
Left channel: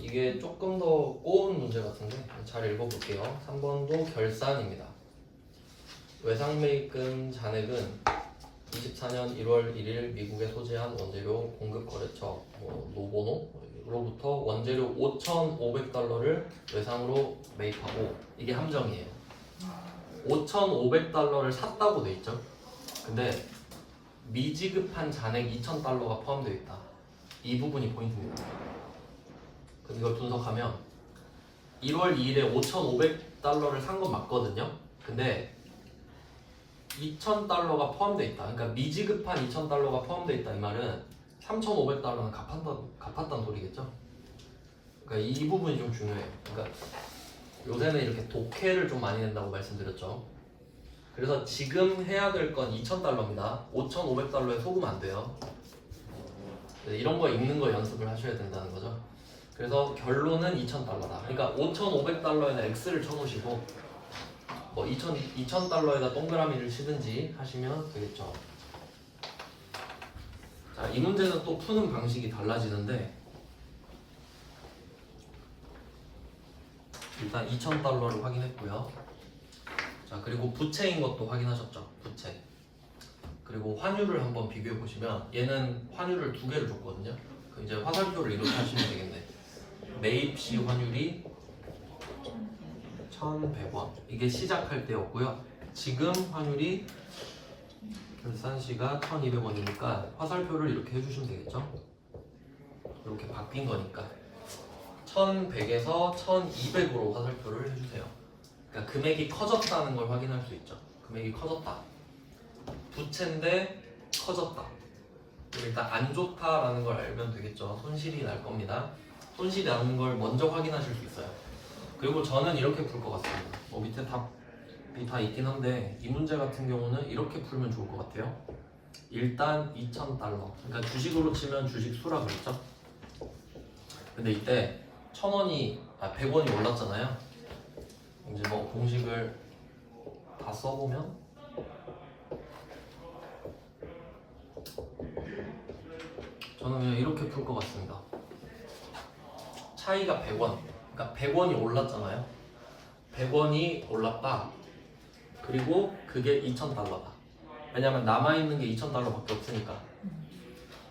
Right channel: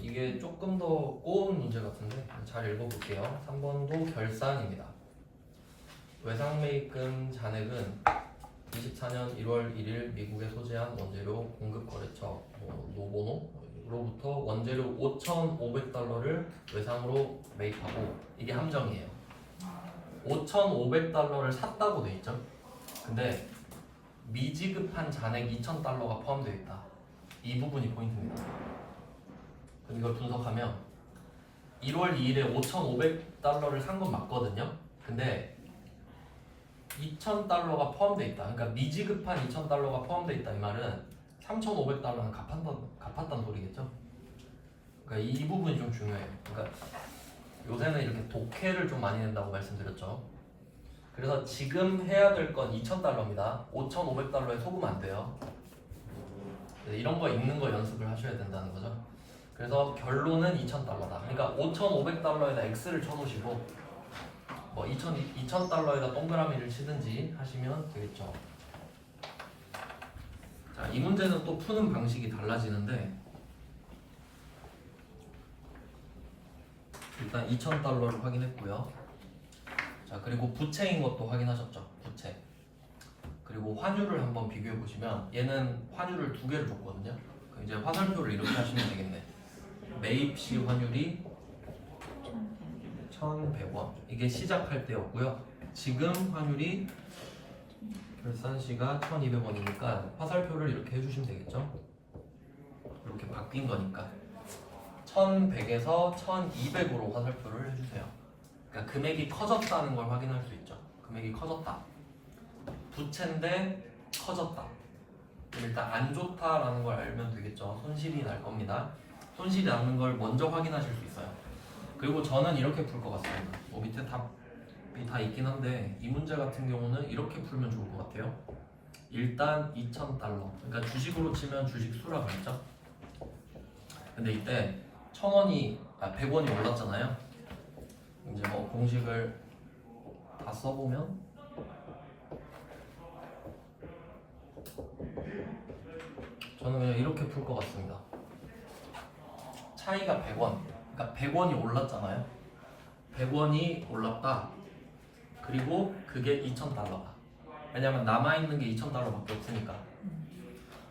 이게 조금 더 꼬운 문제 같은데 잘 읽어볼게요. 3번도 결산입니다. 외상매입금 잔액은 24년 1월 1일 미국에 소재한 원재료 공급거래처 노보노로부터 원재료 5,500달러를 외상으로 매입하고 이게 함정이에요. 5,500달러를 샀다고 돼 있죠. 근데 미지급한 잔액 2,000달러가 포함되어 있다. 이 부분이 포인트입니다. 이걸 분석하면 1월 2일에 5,500달러를 산 건 맞거든요. 근데 2,000달러가 포함되어 있다. 그러니까 미지급한 2,000달러가 포함되어 있다. 이 말은 3,500달러는 갚았다는 소리겠죠. 그러니까 이 부분이 좀 중요해요. 그러니까 요새는 이렇게 독해를 좀 많이 낸다고 말씀드렸죠. 그래서 지금 해야 될 건 2,000달러입니다. 5,500달러에 속으면 안 돼요. 이런 거 읽는 거 연습을 하셔야 된다는 거죠. 그래서 결론은 2,000달러다. 그러니까 5,500달러에다 X를 쳐놓으시고 뭐 2,000달러에다 동그라미를 치든지 하시면 되겠죠. 자, 이 문제는 또 푸는 방식이 달라지는데 일단 2,000달러를 확인했고요. 자, 그리고 부채인 것도 확인하셨죠. 부채. 그리고 환율을 한번 비교해 보시면 얘는 환율을 2개를 줬거든요. 이제 화살표를 이렇게 하시면 되겠네. 매입 시 환율이 1,100원. 이게 시작할 때였고요. 지금 환율이 결산 시가 1,200원이니까 화살표를 이렇게 해주시면 되겠죠. 이렇게 바뀐 거니까 1,100에서 1,200으로 화살표를 해주세요. 그러니까 금액이 커졌다는 걸 확인할 수 있죠. 금액이 커졌다. 부채인데 커졌다. 일단 안 좋다라는 걸 알면 되겠죠. 손실이 날 겁니다. 손실이 나는 걸 먼저 확인하실 수 있어요. 그리고 저는 이렇게 풀 것 같습니다. 밑에 답이 다 있긴 한데 이 문제 같은 경우는 이렇게 풀면 좋을 것 같아요. 일단 2,000달러. 그러니까 주식으로 치면 주식 수라 그랬죠. 근데 이때 100원이 올랐잖아요. 이제 뭐 공식을 다 써보면 저는 그냥 이렇게 풀 것 같습니다. 차이가 100원. 그러니까 100원이 올랐잖아요. 100원이 올랐다. 그리고 그게 2,000달러다. 왜냐면 남아있는 게 2,000달러밖에 없으니까.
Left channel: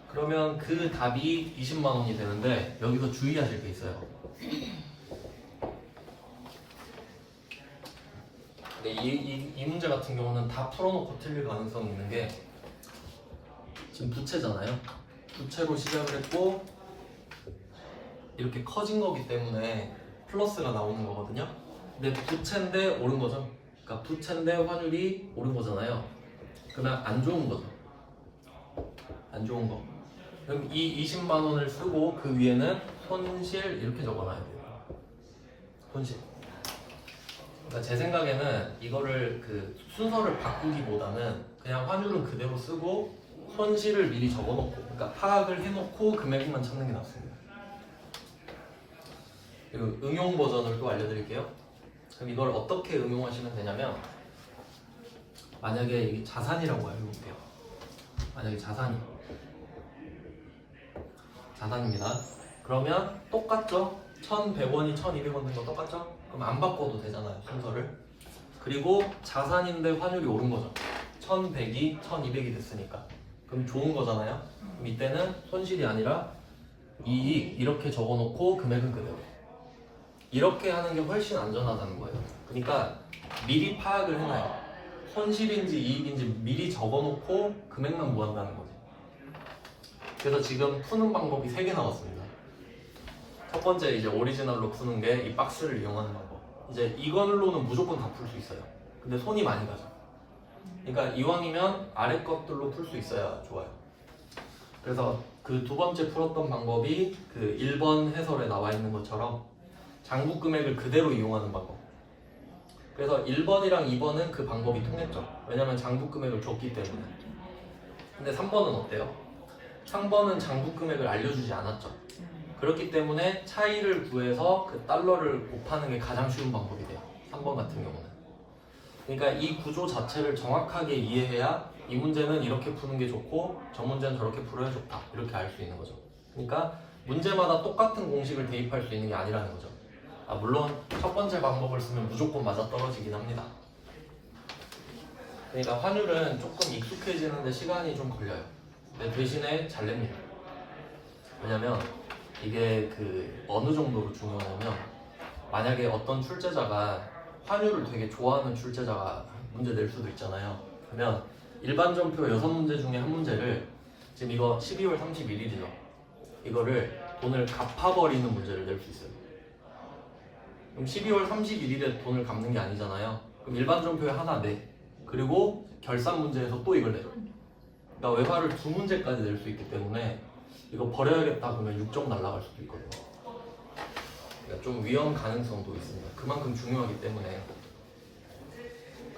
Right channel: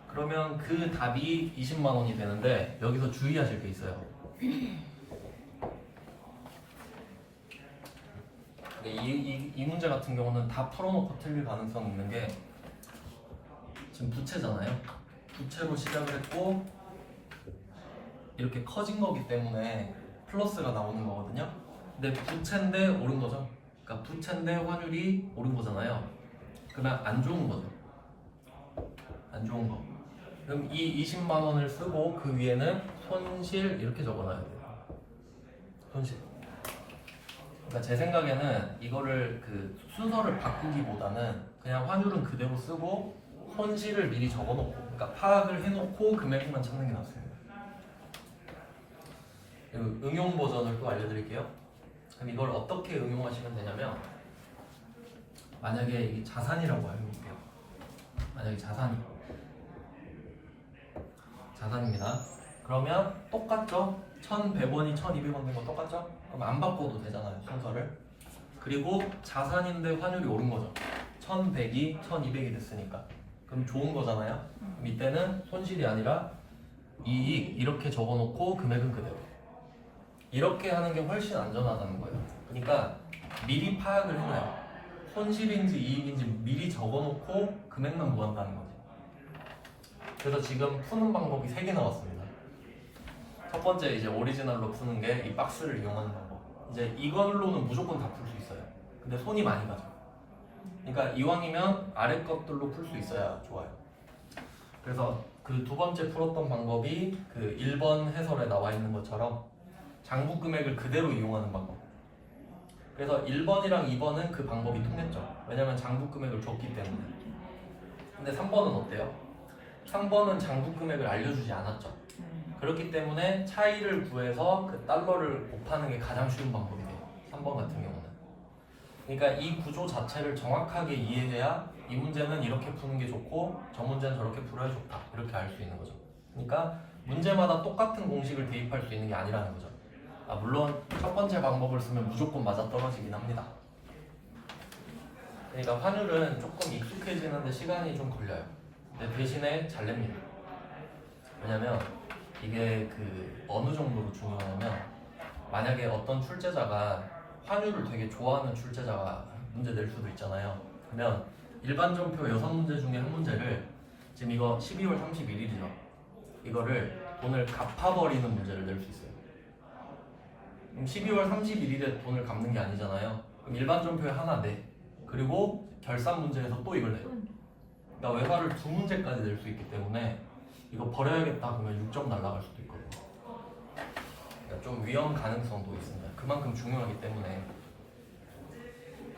그러면 그 답이 20만 원이 되는데 여기서 주의하실 게 있어요. 근데 이 문제 같은 경우는 다 풀어놓고 틀릴 가능성이 있는 게 지금 부채잖아요. 부채로 시작을 했고 이렇게 커진 거기 때문에 플러스가 나오는 거거든요. 근데 부채인데 오른 거죠. 그러니까 부채인데 환율이 오른 거잖아요. 그러면 안 좋은 거죠. 안 좋은 거. 그럼 이 20만 원을 쓰고 그 위에는 손실 이렇게 적어놔야 돼요. 손실. 그러니까 제 생각에는 이거를 그 순서를 바꾸기보다는 그냥 환율은 그대로 쓰고 손실을 미리 적어놓고, 그러니까 파악을 해놓고 금액만 찾는 게 낫습니다. 그리고 응용 버전을 또 알려드릴게요. 그럼 이걸 어떻게 응용하시면 되냐면, 만약에 이 자산이라고 알려볼게요. 만약에 자산입니다. 그러면 똑같죠? 1,100원이 1,200원 된 거 똑같죠? 그럼 안 바꿔도 되잖아요, 순서를. 그리고 자산인데 환율이 오른 거죠. 1,100이 1,200이 됐으니까. 그럼 좋은 거잖아요. 그럼 이때는 손실이 아니라 이익 이렇게 적어놓고 금액은 그대로. 이렇게 하는 게 훨씬 안전하다는 거예요. 그러니까 미리 파악을 해놔요. 손실인지 이익인지 미리 적어놓고 금액만 구한다는 거죠. 그래서 지금 푸는 방법이 3개 나왔습니다. 첫 번째 이제 오리지널로 푸는 게 이 박스를 이용하는 방법. 이제 이걸로는 무조건 다 풀 수 있어요. 근데 손이 많이 가죠. 그러니까 이왕이면 아래 것들로 풀 수 있어야 좋아요. 그래서 그 두 번째 풀었던 방법이 그 1번 해설에 나와 있는 것처럼 장부 금액을 그대로 이용하는 방법. 그래서 1번이랑 2번은 그 방법이 통했죠. 왜냐면 장부 금액을 줬기 때문에. 근데 3번은 어때요? 3번은 장부 금액을 알려주지 않았죠. 그렇기 때문에 차이를 구해서 그 달러를 곱하는 게 가장 쉬운 방법이 돼요. 3번 같은 경우는. 그러니까 이 구조 자체를 정확하게 이해해야 이 문제는 이렇게 푸는 게 좋고 저 문제는 저렇게 풀어야 좋다. 이렇게 알 수 있는 거죠. 그러니까 문제마다 똑같은 공식을 대입할 수 있는 게 아니라는 거죠. 물론 첫 번째 방법을 쓰면 무조건 맞아떨어지긴 합니다. 그러니까 환율은 조금 익숙해지는데 시간이 좀 걸려요. 근데 대신에 잘 냅니다. 왜냐면 이게 그 어느 정도로 중요하냐면 만약에 어떤 출제자가 환율을 되게 좋아하는 출제자가 문제 낼 수도 있잖아요. 그러면 일반전표 6문제 중에 한 문제를 지금 이거 12월 31일이죠. 이거를 돈을 갚아버리는 문제를 낼 수 있어요. 그럼 12월 31일에 돈을 갚는 게 아니잖아요. 그럼 일반전표에 하나 내. 그리고 결산 문제에서 또 이걸 내요. 그러니까 외화를 2문제까지 낼 수 있기 때문에 이거 버려야겠다 그러면 6점 날라갈 수도 있거든요. 그러니까 좀 위험 가능성도 있습니다. 그만큼 중요하기 때문에.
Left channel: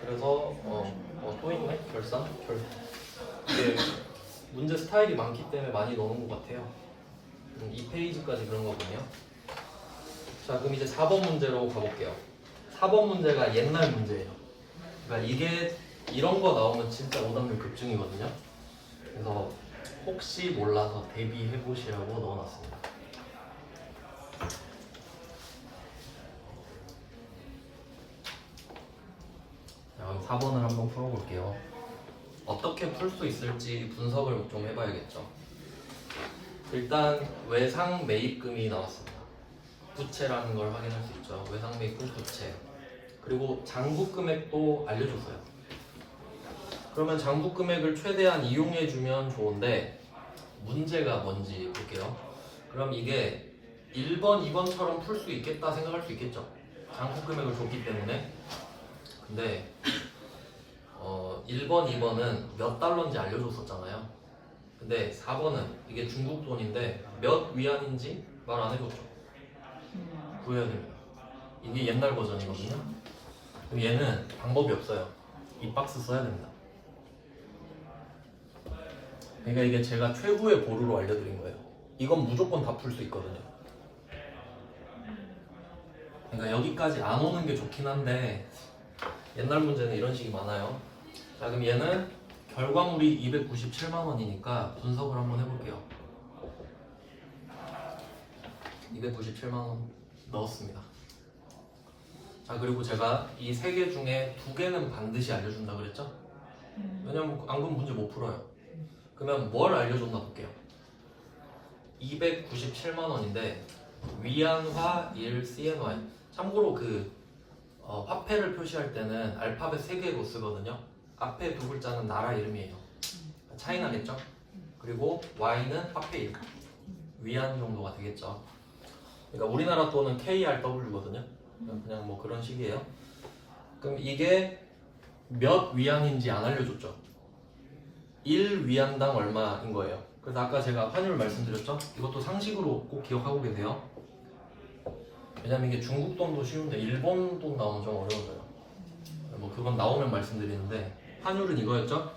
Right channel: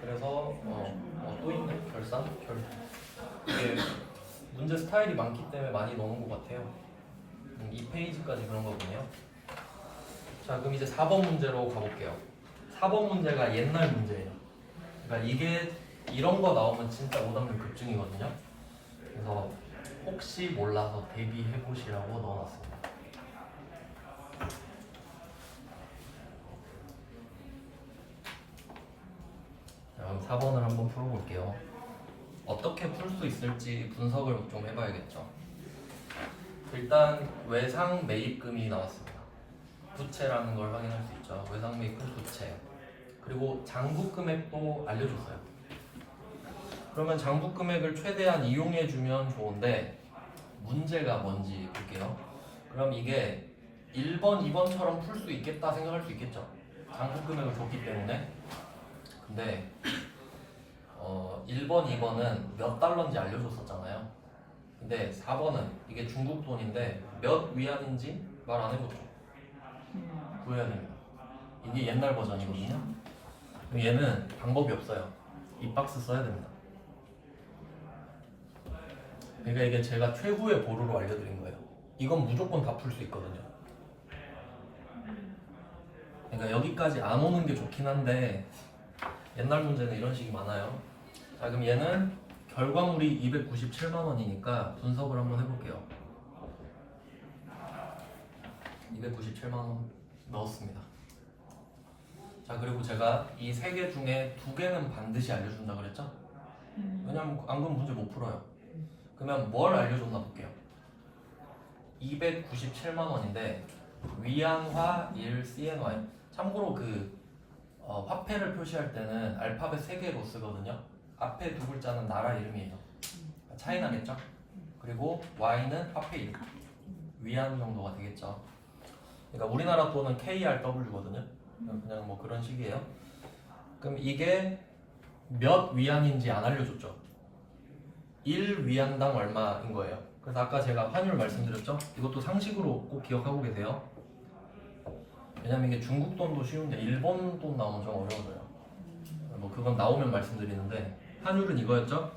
그래서 또 있네? 이게 문제 스타일이 많기 때문에 많이 넣는 것 같아요. 2페이지까지 그런 거 보네요. 자, 그럼 이제 4번 문제로 가볼게요. 4번 문제가 옛날 문제예요. 그러니까 이게 이런 거 나오면 진짜 오답률 급증이거든요. 그래서 혹시 몰라서 대비해 보시라고 넣어놨습니다. 자, 그럼 4번을 한번 풀어볼게요. 어떻게 풀 수 있을지 분석을 좀 해봐야겠죠. 일단 외상 매입금이 나왔습니다. 부채라는 걸 확인할 수 있죠. 외상 매입금 부채. 그리고 장부 금액도 알려줬어요. 그러면 장부 금액을 최대한 이용해주면 좋은데 문제가 뭔지 볼게요. 그럼 이게 1번, 2번처럼 풀 수 있겠다 생각할 수 있겠죠. 장부 금액을 줬기 때문에. 근데 1번, 2번은 몇 달러인지 알려줬었잖아요. 근데 4번은 이게 중국 돈인데 몇 위안인지 말 안 해줬죠. 구해야 됩니다. 이게 옛날 버전이거든요. 그럼 얘는 방법이 없어요. 이 박스 써야 됩니다. 그러니까 이게 제가 최후의 보루로 알려드린 거예요. 이건 무조건 다 풀 수 있거든요. 그러니까 여기까지 안 오는 게 좋긴 한데 옛날 문제는 이런 식이 많아요. 자, 그럼 얘는 결과물이 297만 원이니까 분석을 한번 해볼게요. 297만 원 넣었습니다. 자, 그리고 제가 이 세 개 중에 두 개는 반드시 알려준다 그랬죠? 왜냐면 안 그러면 문제 못 풀어요. 그러면 뭘 알려줬나 볼게요. 297만 원인데 위안화 1 CNY. 참고로 화폐를 표시할 때는 알파벳 3개로 쓰거든요. 앞에 두 글자는 나라 이름이에요. 차이나겠죠? 그리고 Y는 화폐 이름. 위안 정도가 되겠죠. 그러니까 우리나라 돈은 KRW거든요. 그냥 뭐 그런 식이에요. 그럼 이게 몇 위안인지 안 알려줬죠. 1위안당 얼마인 거예요. 그래서 아까 제가 환율 말씀드렸죠. 이것도 상식으로 꼭 기억하고 계세요. 왜냐면 이게 중국 돈도 쉬운데 일본 돈 나오면 좀 어려워져요. 뭐 그건 나오면 말씀드리는데 환율은 이거였죠.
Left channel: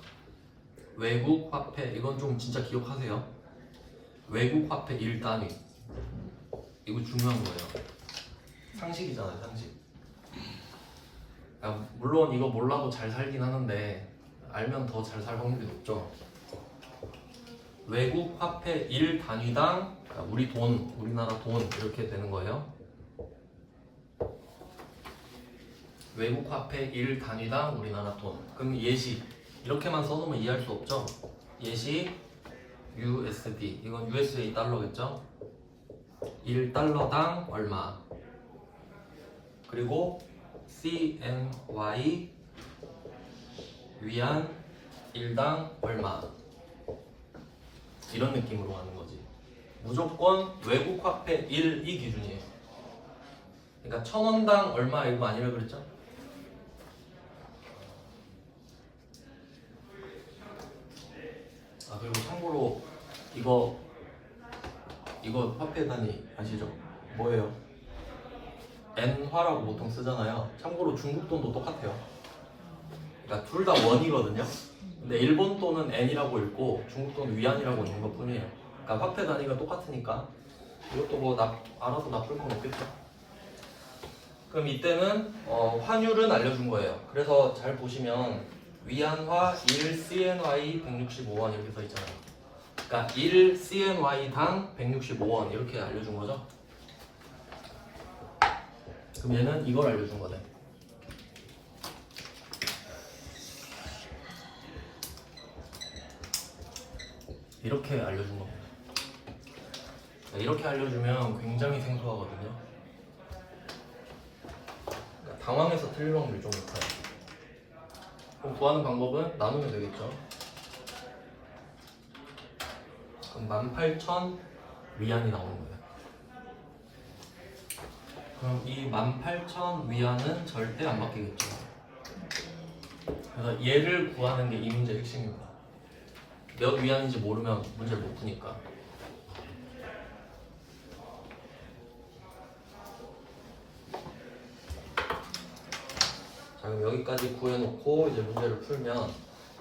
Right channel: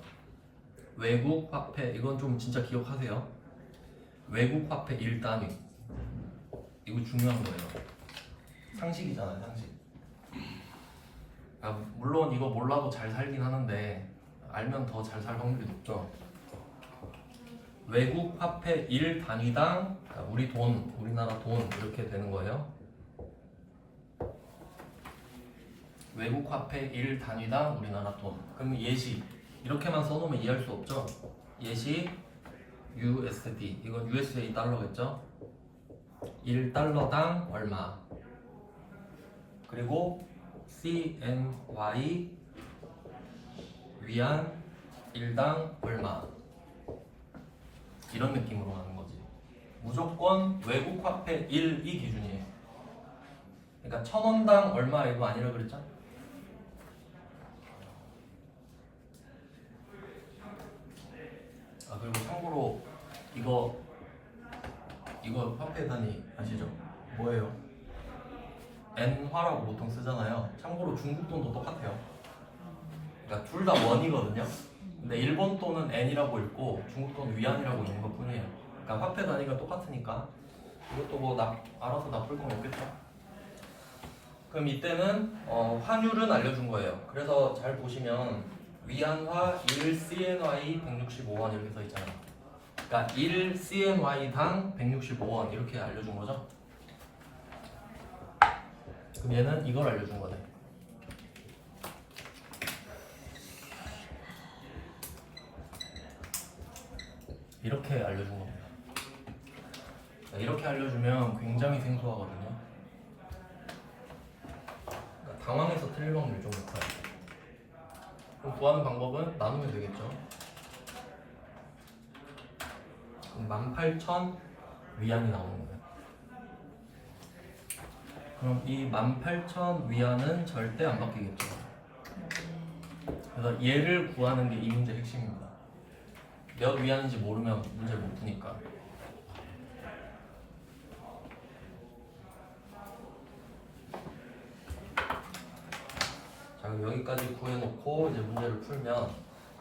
외국 화폐, 이건 좀 진짜 기억하세요. 외국 화폐 1단위. 이거 중요한 거예요. 상식이잖아요, 상식. 물론 이거 몰라도 잘 살긴 하는데 알면 더 잘 살 확률이 높죠. 외국 화폐 1단위당 우리 돈, 우리나라 돈 이렇게 되는 거예요. 외국 화폐 1단위당 우리나라 돈. 그럼 예시 이렇게만 써놓으면 이해할 수 없죠. 예시 USD, 이건 USA 달러겠죠. 1달러당 얼마. 그리고 CNY 위안 1당 얼마. 이런 느낌으로 가는 거지. 무조건 외국 화폐 1이 기준이에요. 그러니까 1,000원당 얼마 이거 아니라 그랬죠? 그리고 참고로 이거 화폐 단위 아시죠? 뭐예요? 엔화라고 보통 쓰잖아요. 참고로 중국 돈도 똑같아요. 그러니까 둘 다 원이거든요. 근데 일본 돈은 엔이라고 읽고 중국 돈은 위안이라고 읽는 것 뿐이에요. 그러니까 화폐 단위가 똑같으니까 이것도 뭐 알아서 나쁠 건 없겠죠. 그럼 이때는 환율은 알려준 거예요. 그래서 잘 보시면 위안화 1 CNY 165원 이렇게 써 있잖아요. 그러니까 1 CNY당 165원 이렇게 알려준 거죠. 그럼 얘는 이걸 알려준 거네. 이렇게 알려준 겁니다. 이렇게 알려주면 굉장히 생소하거든요. 그러니까 당황해서 틀릴 확률이 좀 높아요. 그럼 구하는 방법은 나누면 되겠죠. 그럼 18,000 위안이 나오는 거예요. 그럼 이 18,000 위안은 절대 안 바뀌겠죠. 그래서 얘를 구하는 게 이 문제의 핵심입니다. 몇 위안인지 모르면 문제를 못 푸니까. 자, 그럼 여기까지 구해놓고 이제 문제를 풀면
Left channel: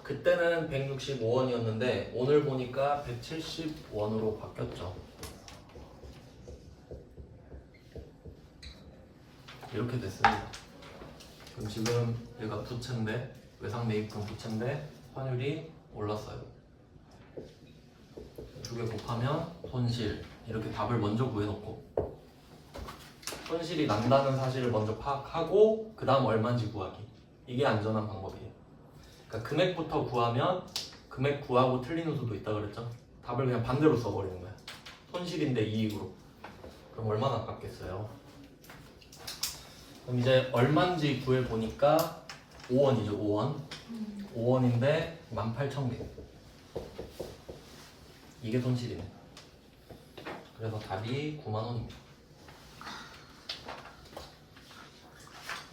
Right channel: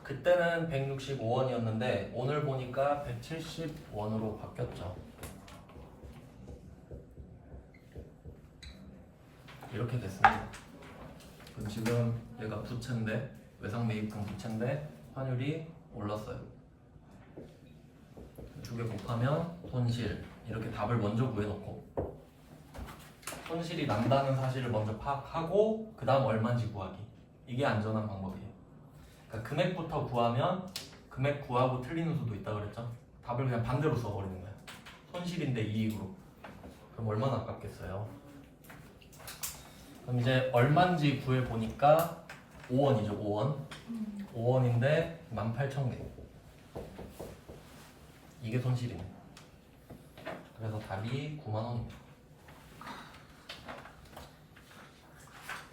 그때는 165원이었는데 오늘 보니까 170원으로 바뀌었죠. 이렇게 됐습니다. 그럼 지금 얘가 부채인데 외상 매입금 부채인데 환율이 올랐어요. 두 개 곱하면 손실. 이렇게 답을 먼저 구해놓고 손실이 난다는 사실을 먼저 파악하고 그 다음 얼마인지 구하기. 이게 안전한 방법이에요. 그러니까 금액부터 구하면 금액 구하고 틀리는 수도 있다 그랬죠. 답을 그냥 반대로 써버리는 거야. 손실인데 이익으로. 그럼 얼마나 아깝겠어요. 그럼 이제 얼마인지 구해보니까 5원이죠. 5원. 5원인데 18,000개. 이게 손실입니다. 그래서 답이 9만원입니다.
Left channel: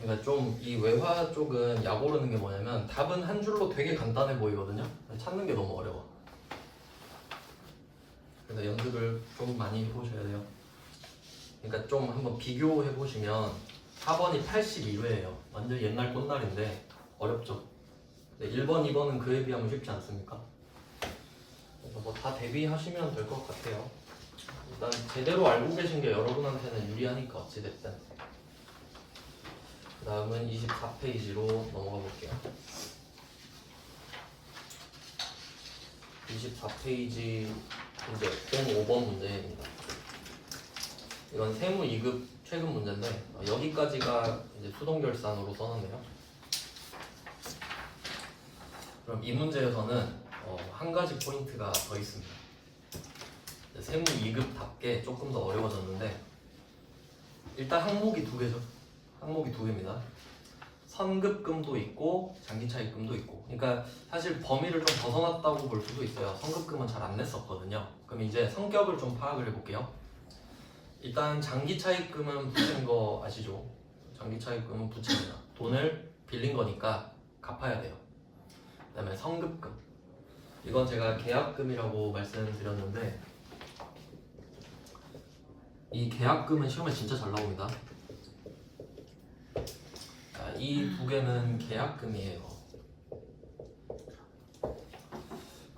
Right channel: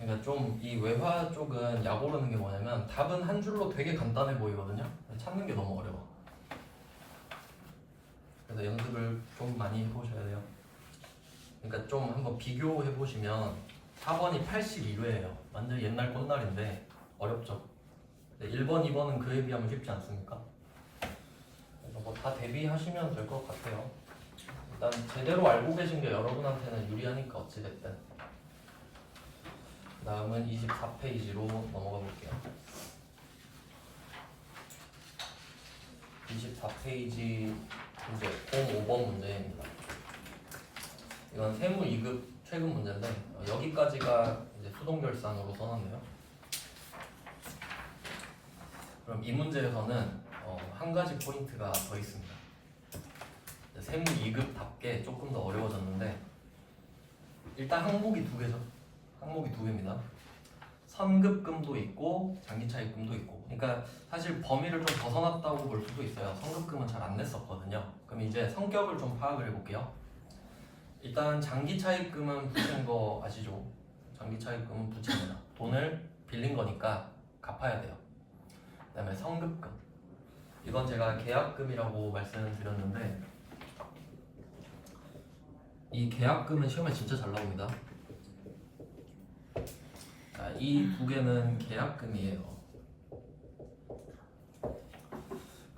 그러니까 좀 이 외화 쪽은 약 오르는 게 뭐냐면 답은 한 줄로 되게 간단해 보이거든요. 찾는 게 너무 어려워. 그래서 연습을 좀 많이 해보셔야 돼요. 그러니까 좀 한번 비교해 보시면 4번이 82회예요. 완전 옛날 꽃날인데 어렵죠. 1번, 2번은 그에 비하면 쉽지 않습니까? 그래서 뭐 다 대비하시면 될 것 같아요. 일단 제대로 알고 계신 게 여러분한테는 유리하니까 어찌됐든. 그 다음은 24페이지로 넘어가 볼게요. 24페이지 문제 05번 문제입니다. 이건 세무 2급 최근 문제인데 여기까지가 이제 수동결산으로 써놨네요. 그럼 이 문제에서는 한 가지 포인트가 더 있습니다. 세무 2급답게 조금 더 어려워졌는데 일단 항목이 두 개죠. 항목이 두 개입니다. 선급금도 있고 장기차입금도 있고. 그러니까 사실 범위를 좀 벗어났다고 볼 수도 있어요. 선급금은 잘 안 냈었거든요. 그럼 이제 성격을 좀 파악을 해볼게요. 일단 장기차입금은 부채인 거 아시죠? 장기차입금은 부채입니다. 돈을 빌린 거니까 갚아야 돼요. 그 다음에 선급금. 이건 제가 계약금이라고 말씀드렸는데 이 계약금은 시험에 진짜 잘 나옵니다. 이 두 개는 계약금이에요.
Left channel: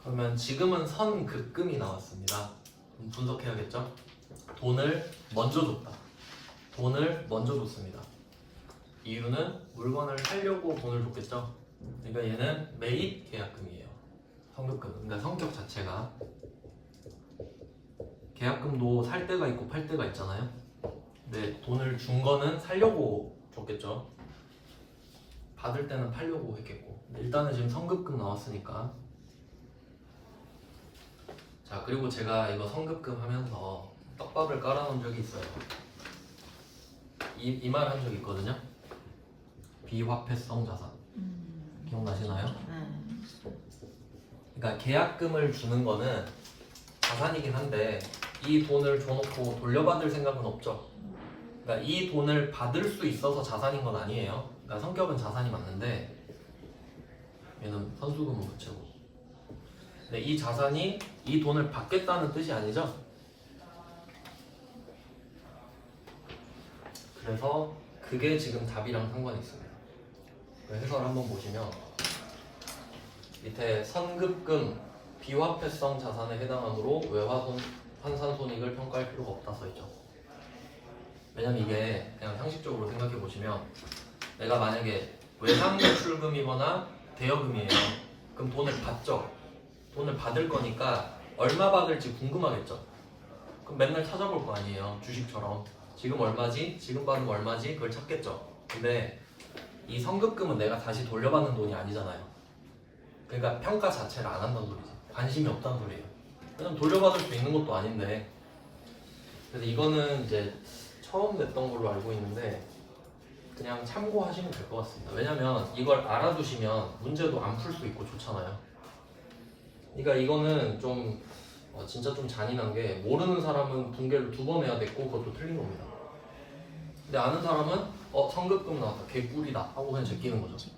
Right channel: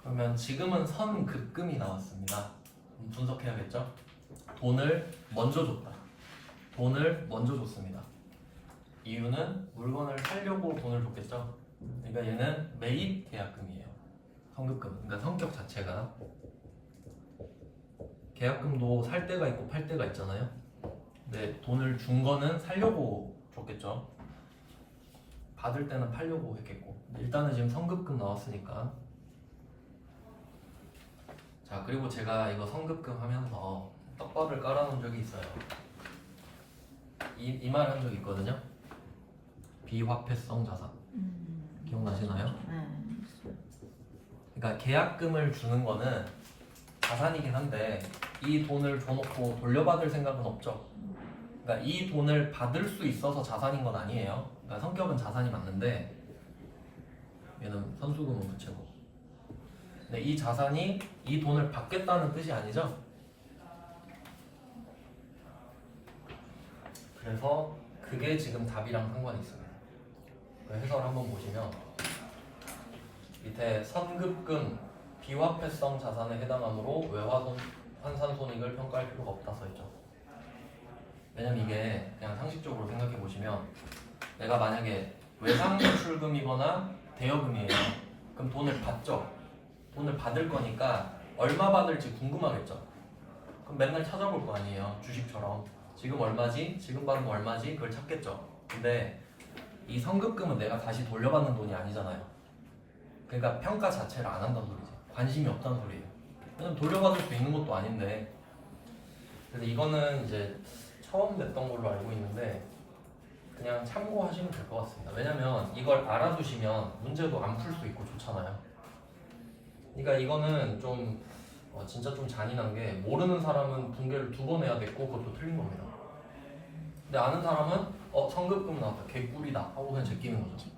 그러면 지금은 선급금이 나왔습니다. 그럼 분석해야겠죠? 돈을 먼저 줬다. 돈을 먼저 줬습니다. 이유는 물건을 사려고 돈을 줬겠죠? 그러니까 얘는 매입 계약금이에요. 선급금. 그러니까 성격 자체가 계약금도 살 때가 있고 팔 때가 있잖아요. 근데 돈을 준 거는 사려고 줬겠죠. 받을 때는 팔려고 했겠고. 일단은 지금 선급금 나왔으니까. 자, 그리고 제가 이거 선급금 하면서 떡밥을 깔아놓은 적이 있어요. 이 말 한 적 있거든요. 비화폐성 자산. 기억나시나요? 그러니까 계약금을 주는 거는 자산이긴 한데 이 돈을 줘놓고 돌려받을 생각은 없죠. 그러니까 이 돈을 받을 수 있어서 자산인 건 아니에요. 그러니까 성격은 자산이 맞는데 얘는 선수금은 부채고. 근데 이 자산이 이 돈을 받겠다는 뜻이 아니죠. 그래서 그게 지금 답이랑 상관이 있습니다. 해설을 한번 보시면 밑에 선급금 비화폐성 자산에 해당하므로 외화손 환산손익을 평가할 필요가 없다 써있죠. 왜냐면 이게 그냥 상식적으로 생각해 보시면 내가 만약에 외상노출금이거나 대여금이에요. 그럼 돈을 받죠. 돈을 받을 거니까 얼마 받을지 궁금하겠죠. 그럼 맨날 찾아볼 거 아니에요. 주식처럼 지금 얼마지? 지금 받으면 얼마지? 그걸 찾겠죠. 근데 이 선급금은 내가 다시 돌려받는 돈이 아니잖아요. 그러니까 평가 자체를 안 한다는 소리죠. 관심이 없다는 소리예요. 왜냐면 돌려받을 수 있는 것도 아닌데. 그래서 이거는 이제 처음 냈던 걸로 알고 있는데 그냥 참고하시면 될 것 같습니다. 왜냐면 이걸 알아두시면 문제도 안 풀 수 있고 좋잖아요. 그러니까 이거는 좀 진짜 좀 잔인한 게 모르는 사람은 분개를 2번 해야 됐고 그것도 틀린 겁니다. 근데 아는 사람은 선급금 나왔다 개꿀이다 하고 그냥 제끼는 거죠.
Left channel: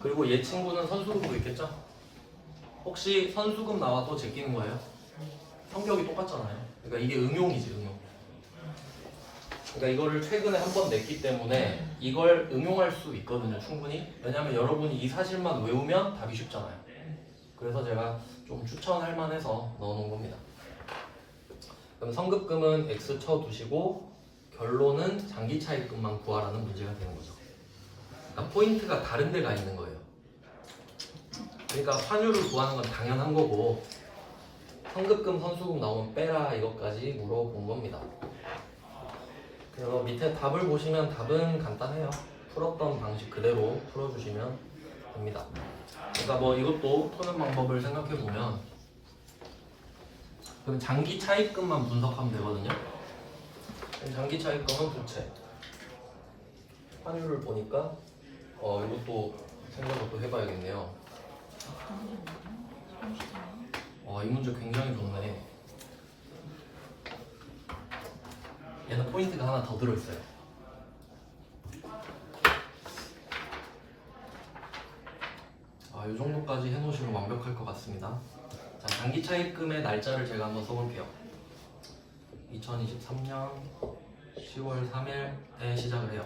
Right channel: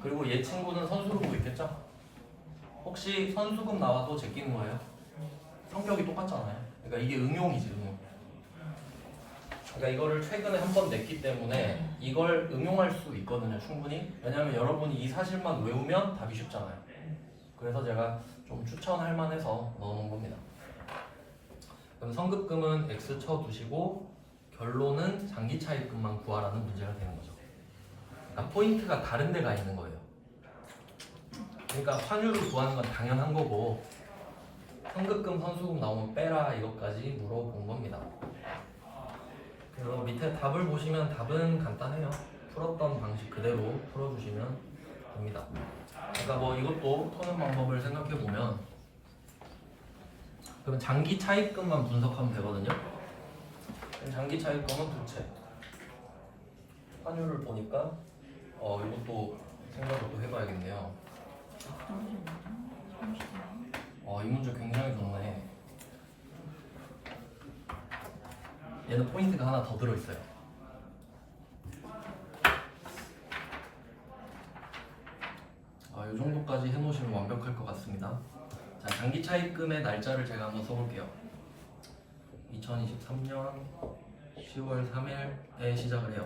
그리고 얘 친구는 선수를 보고 있겠죠? 혹시 선수금 나와도 제끼는 거예요? 성격이 똑같잖아요. 그러니까 이게 응용이지 응용. 그러니까 이거를 최근에 한 번 냈기 때문에 이걸 응용할 수 있거든요 충분히. 왜냐하면 여러분이 이 사실만 외우면 답이 쉽잖아요. 그래서 제가 좀 추천할 만해서 넣어놓은 겁니다. 그럼 선급금은 X 쳐두시고 결론은 장기차입금만 구하라는 문제가 되는 거죠. 그러니까 포인트가 다른 데가 있는 거예요. 그러니까 환율을 구하는 건 당연한 거고 선급금, 선수금 나오면 빼라 이것까지 물어본 겁니다. 그리고 밑에 답을 보시면 답은 간단해요. 풀었던 방식 그대로 풀어주시면 됩니다. 그러니까 뭐 이것도 푸는 방법을 생각해 보면 그럼 장기 차입금만 분석하면 되거든요. 장기 차입금은 부채. 환율을 보니까 이것도 생각을 해봐야겠네요. 와, 이 문제 굉장히 좋네. 얘는 포인트가 하나 더 들어있어요. 이 정도까지 해놓으시면 완벽할 것 같습니다. 자, 장기 차입금의 날짜를 제가 한번 써볼게요. 2023년 10월 3일에 시작을 해요.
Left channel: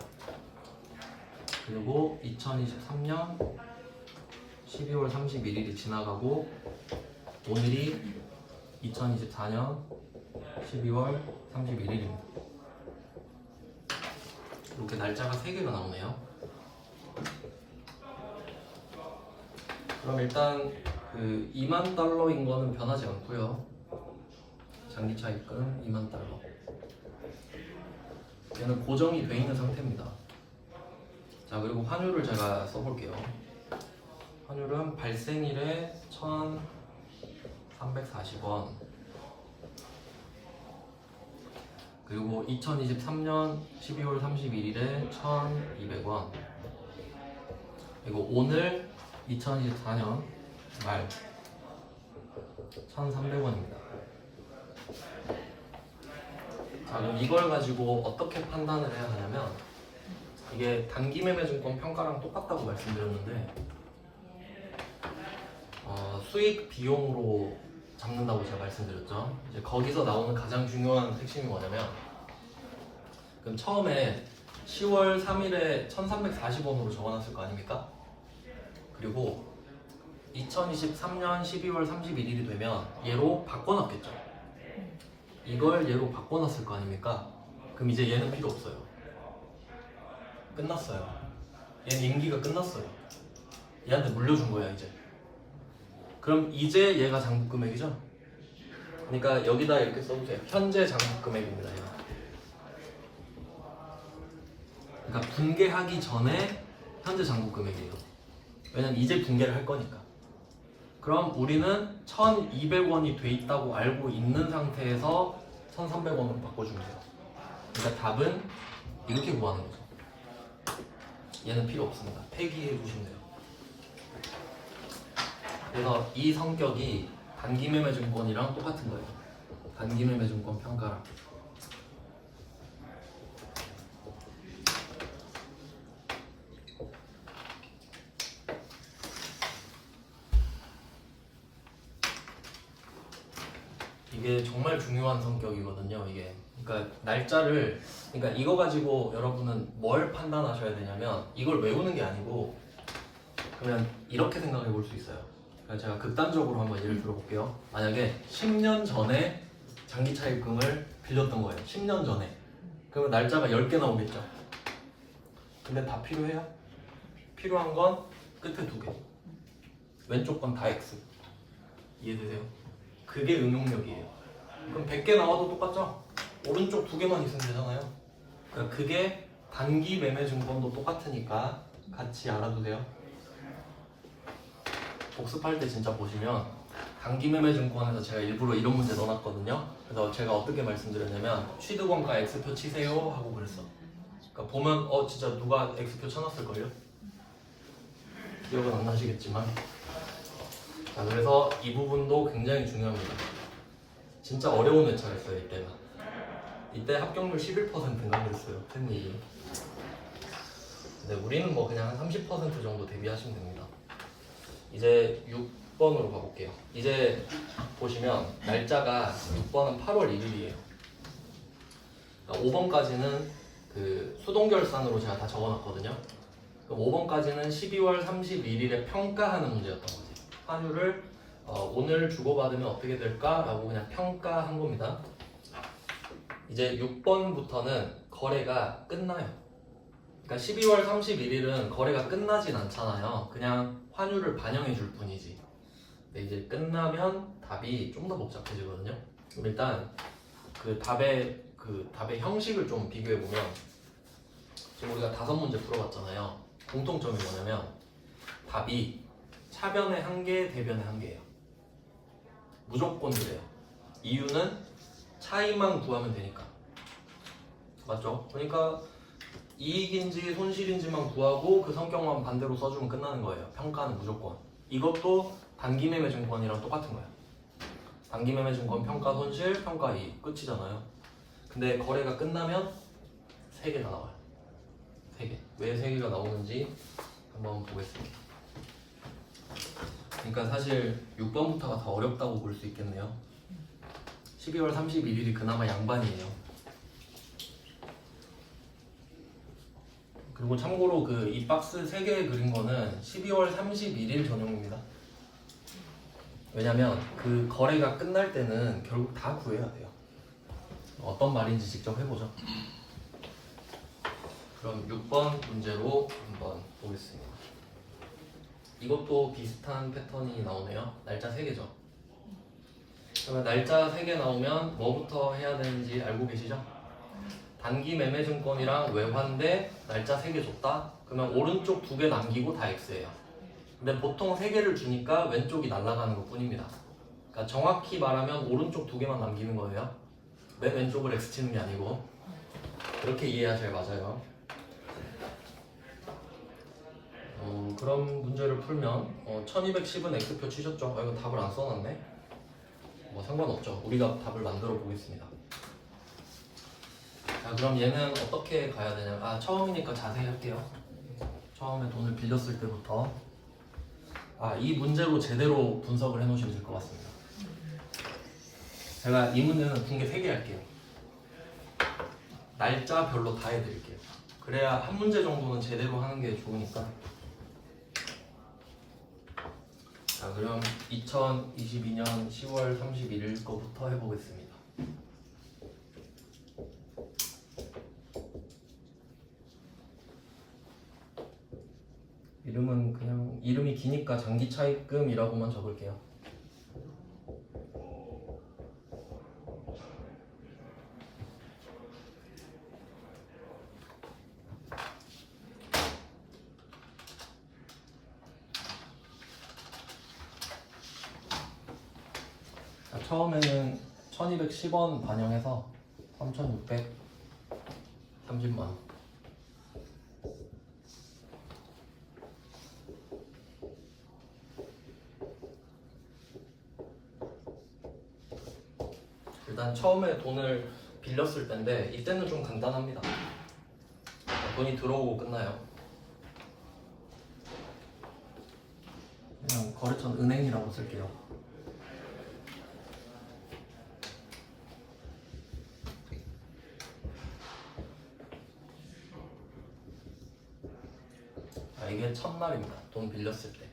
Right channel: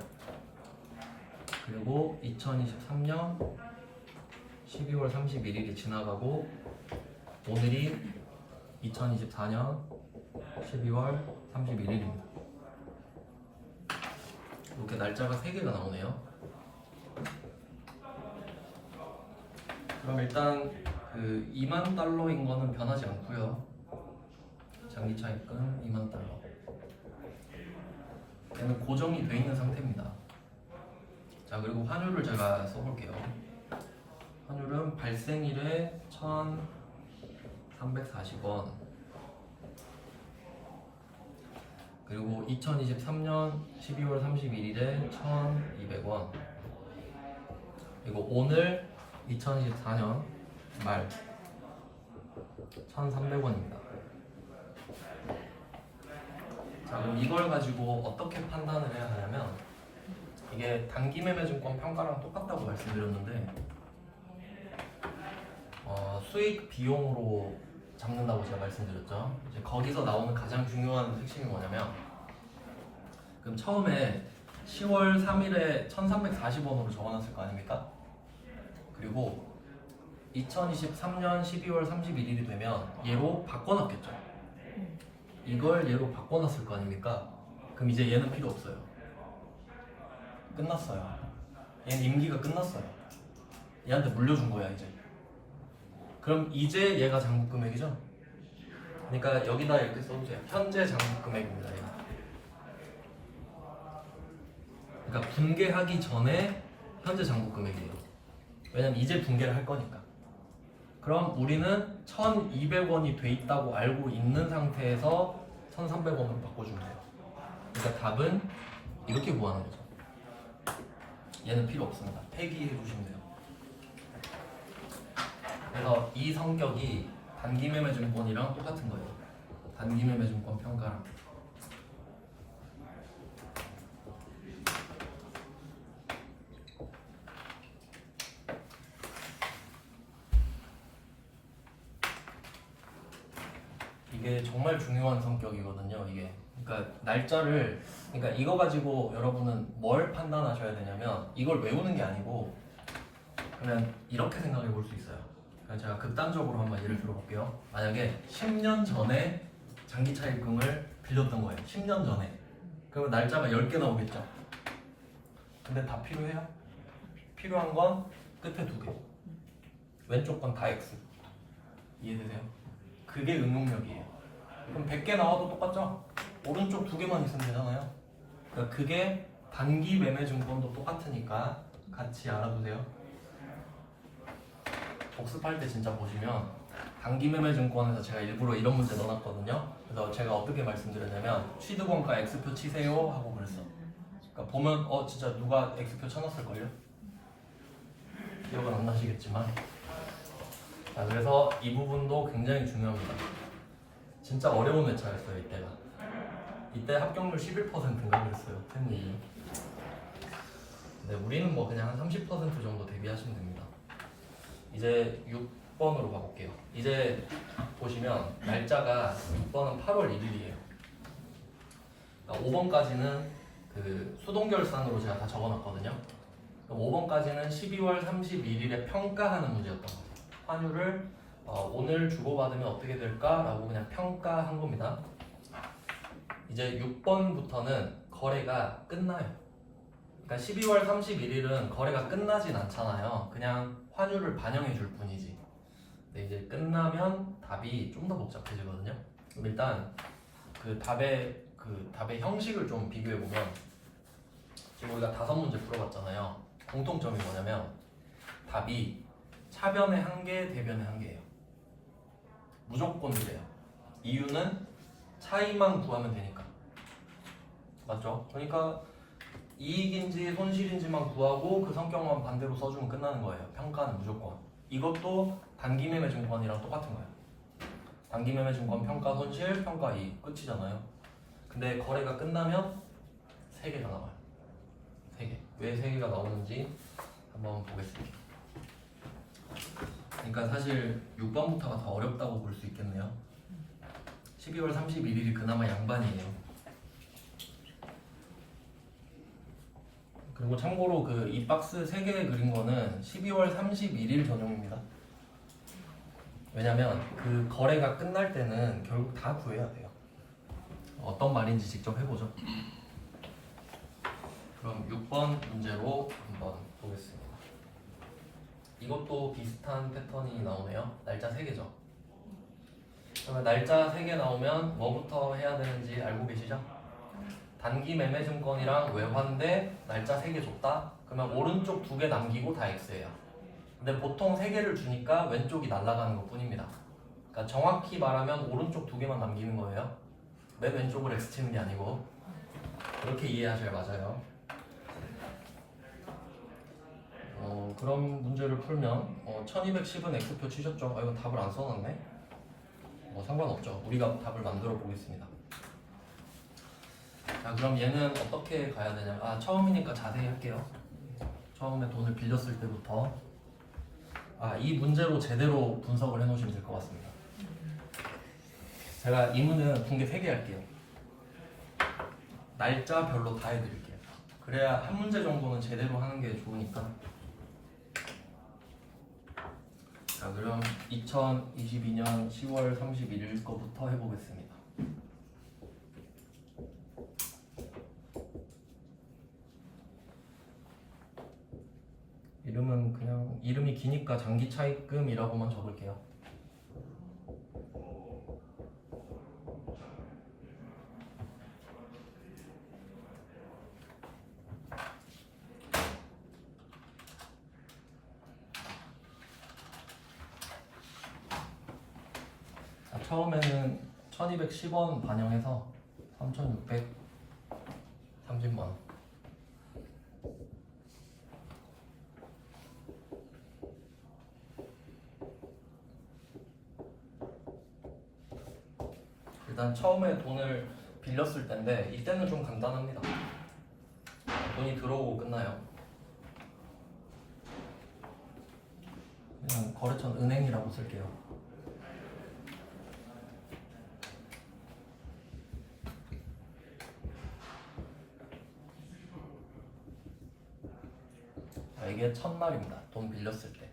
그리고 2023년 12월 31일이 지나가고 오늘이 2024년 12월 31일입니다. 이렇게 날짜가 3개가 나오네요. 그럼 일단 그 2만 달러인 거는 변하지 않고요. 장기 차입금 2만 달러. 얘는 고정이 되어 있는 상태입니다. 자, 그리고 환율을 제가 써볼게요. 환율은 발생일에 1,340원. 그리고 2023년 12월 31일에 1,200원. 그리고 오늘 2024년 말 1,300원입니다. 자, 그럼 이걸 가지고 어떻게 판단을 해야 하냐면 이게 단기 매매증권 평가랑 똑같다고 말씀드렸는데 수익 비용으로 잡는다고 제가 말씀드렸죠. 이제 거기서 나오는 가장 중요한 핵심이 뭐냐면 그럼 처음에 10월 3일에 1340원으로 적어놨을 거 아닙니까? 그리고 2023년 12월 31일이 되면 얘로 바꿔놨겠죠. 이걸 얘로 바꿔놨을 거 아닙니까? 그럼 이제 얘는 필요 없어요. 끝났어요. 얘는 임기가 끝났어요. 얘한테 물려준 거야 이제. 그럼 이제 얘가 장부 금액이죠? 그러니까 여기다 이렇게 써주세요. 현재 장부 금액입니다. 얘가. 그러니까 붕괴하기 전에 현재 장부 금액이에요. 왜냐면 이제 붕괴를 할 거니까. 그럼 우리는 1,200원이 돼 있다고 알고 있는 상태에서 1,300원으로 바꿔주면 돼요. 그러니까 답은 이렇게 구하는 거죠. 얘는 필요 없습니다. 폐기해 주시면 돼요. 그래서 이 성격이 단기 매매 증권이랑 똑같은 거예요. 단기 매매 증권 평가랑. 이게 정말 중요한 성격이거든요. 이게 그러니까 날짜를 그러니까 이거 가지고 여러분은 뭘 판단하셔야 되냐면 이걸 외우는 게 아니고 그러면 이렇게 생각해 볼 수 있어요. 그러니까 제가 극단적으로 한번 예를 들어볼게요. 만약에 10년 전에 장기 차입금을 빌렸던 거예요. 10년 전에. 그러면 날짜가 10개 나오겠죠. 근데 다 필요해요? 필요한 건 끝에 2개. 왼쪽 건 다 X. 이해되세요? 그게 응용력이에요. 그럼 100개 나와도 똑같죠? 오른쪽 2개만 있으면 되잖아요. 그러니까 그게 단기 매매 증권도 똑같으니까 같이 알아두세요. 복습할 때 진짜 보시면 단기 매매 증권에서 제가 일부러 이런 문제 넣어놨거든요. 그래서 제가 어떻게 말씀드렸냐면 취득원가 X표 치세요 하고 그랬어. 그러니까 보면 진짜 누가 X표 쳐놨을걸요? 기억은 안 나시겠지만 자, 그래서 이 부분도 굉장히 중요합니다. 진짜 어려운 회차였어요 이때가. 이때 합격률 11%인가 그랬어요 템이. 근데 우리는 뭐 그냥 한 30% 정도 대비하시면 됩니다. 이제 6번으로 가볼게요. 이제 보시면 날짜가 6번은 8월 1일이에요. 그러니까 5번까지는 그 수동결산으로 제가 다 적어놨거든요. 그럼 5번까지는 12월 31일에 평가하는 문제였던 거죠. 환율을 오늘 주고받으면 어떻게 될까? 라고 그냥 평가한 겁니다. 이제 6번부터는 거래가 끝나요. 그러니까 12월 31일은 거래가 끝나진 않잖아요. 그냥 환율을 반영해 줄 뿐이지. 근데 이제 끝나면 답이 좀 더 복잡해지거든요. 그럼 일단 그 답의 형식을 좀 비교해 보면 지금 우리가 5문제 풀어봤잖아요. 공통점이 뭐냐면 답이 차변의 1개, 대변의 1개예요. 무조건 그래요. 이유는 차이만 구하면 되니까. 맞죠? 그러니까 이익인지 손실인지만 구하고 그 성격만 반대로 써주면 끝나는 거예요. 평가는 무조건. 이것도 단기 매매 증권이랑 똑같은 거예요. 단기 매매 증권 평가 손실, 평가 이익 끝이잖아요. 근데 거래가 끝나면 3개가 나와요. 3개. 왜 3개가 나오는지 한번 보겠습니다. 그러니까 사실 6번부터가 더 어렵다고 볼 수 있겠네요. 12월 31일이 그나마 양반이에요. 그리고 참고로 그 이 박스 3개 그린 거는 12월 31일 전용입니다. 왜냐면 그 거래가 끝날 때는 결국 다 구해야 돼요. 어떤 말인지 직접 해보죠. 그럼 6번 문제로 한번 보겠습니다. 이것도 비슷한 패턴이 나오네요. 날짜 3개죠. 그러면 날짜 3개 나오면 뭐부터 해야 되는지 알고 계시죠? 단기 매매 증권이랑 외환대 날짜 3개 줬다? 그러면 오른쪽 2개 남기고 다 X예요. 근데 보통 3개를 주니까 왼쪽이 날아가는 것 뿐입니다. 그러니까 정확히 말하면 오른쪽 2개만 남기는 거예요. 맨 왼쪽을 X 치는 게 아니고. 그렇게 이해하셔야 맞아요. 그런 문제를 풀면 1210은 X표 치셨죠? 이거 답을 안 써놨네? 뭐 상관없죠. 우리가 답을 만들어 보겠습니다. 자, 그럼 얘는 어떻게 가야 되냐? 처음이니까 자세히 할게요. 처음에 돈을 빌렸을 때부터 이 문제로 제대로 분석을 해놓으시면 될 것 같습니다. 제가 이 문제는 붕괴 3개 할게요. 날짜별로 다 해드릴게요. 그래야 한 문제 정도는 제대로 하는 게 좋으니까. 자, 그럼 2022년 10월 31일 거부터 해보겠습니다. 이름은 그냥 이름이 기니까 장기 차입금이라고만 적을게요. 자, 처음에는 1210원 반영해서 3630만. 일단 처음에 돈을 빌렸을 때인데 이때는 좀 간단합니다. 돈이 들어오고 끝나요. 그냥 거래처는 은행이라고 쓸게요. 이게 첫날입니다. 돈 빌렸을 때.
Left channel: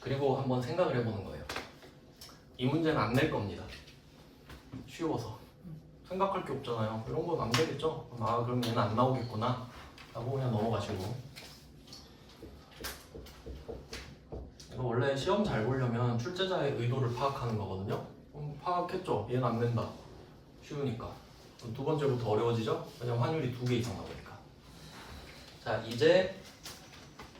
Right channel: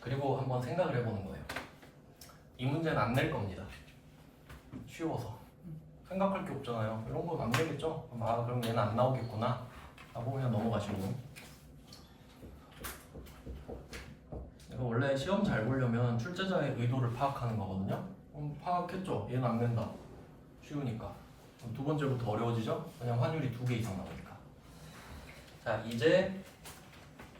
그리고 한번 생각을 해보는 거예요. 이 문제는 안 낼 겁니다. 쉬워서. 생각할 게 없잖아요. 이런 건 안 되겠죠? 그럼 얘는 안 나오겠구나 하고 그냥 넘어가시고. 이거 원래 시험 잘 보려면 출제자의 의도를 파악하는 거거든요. 파악했죠? 얘는 안 된다. 쉬우니까. 그럼 두 번째부터 어려워지죠? 왜냐면 환율이 2개 이상 나오니까. 자, 이제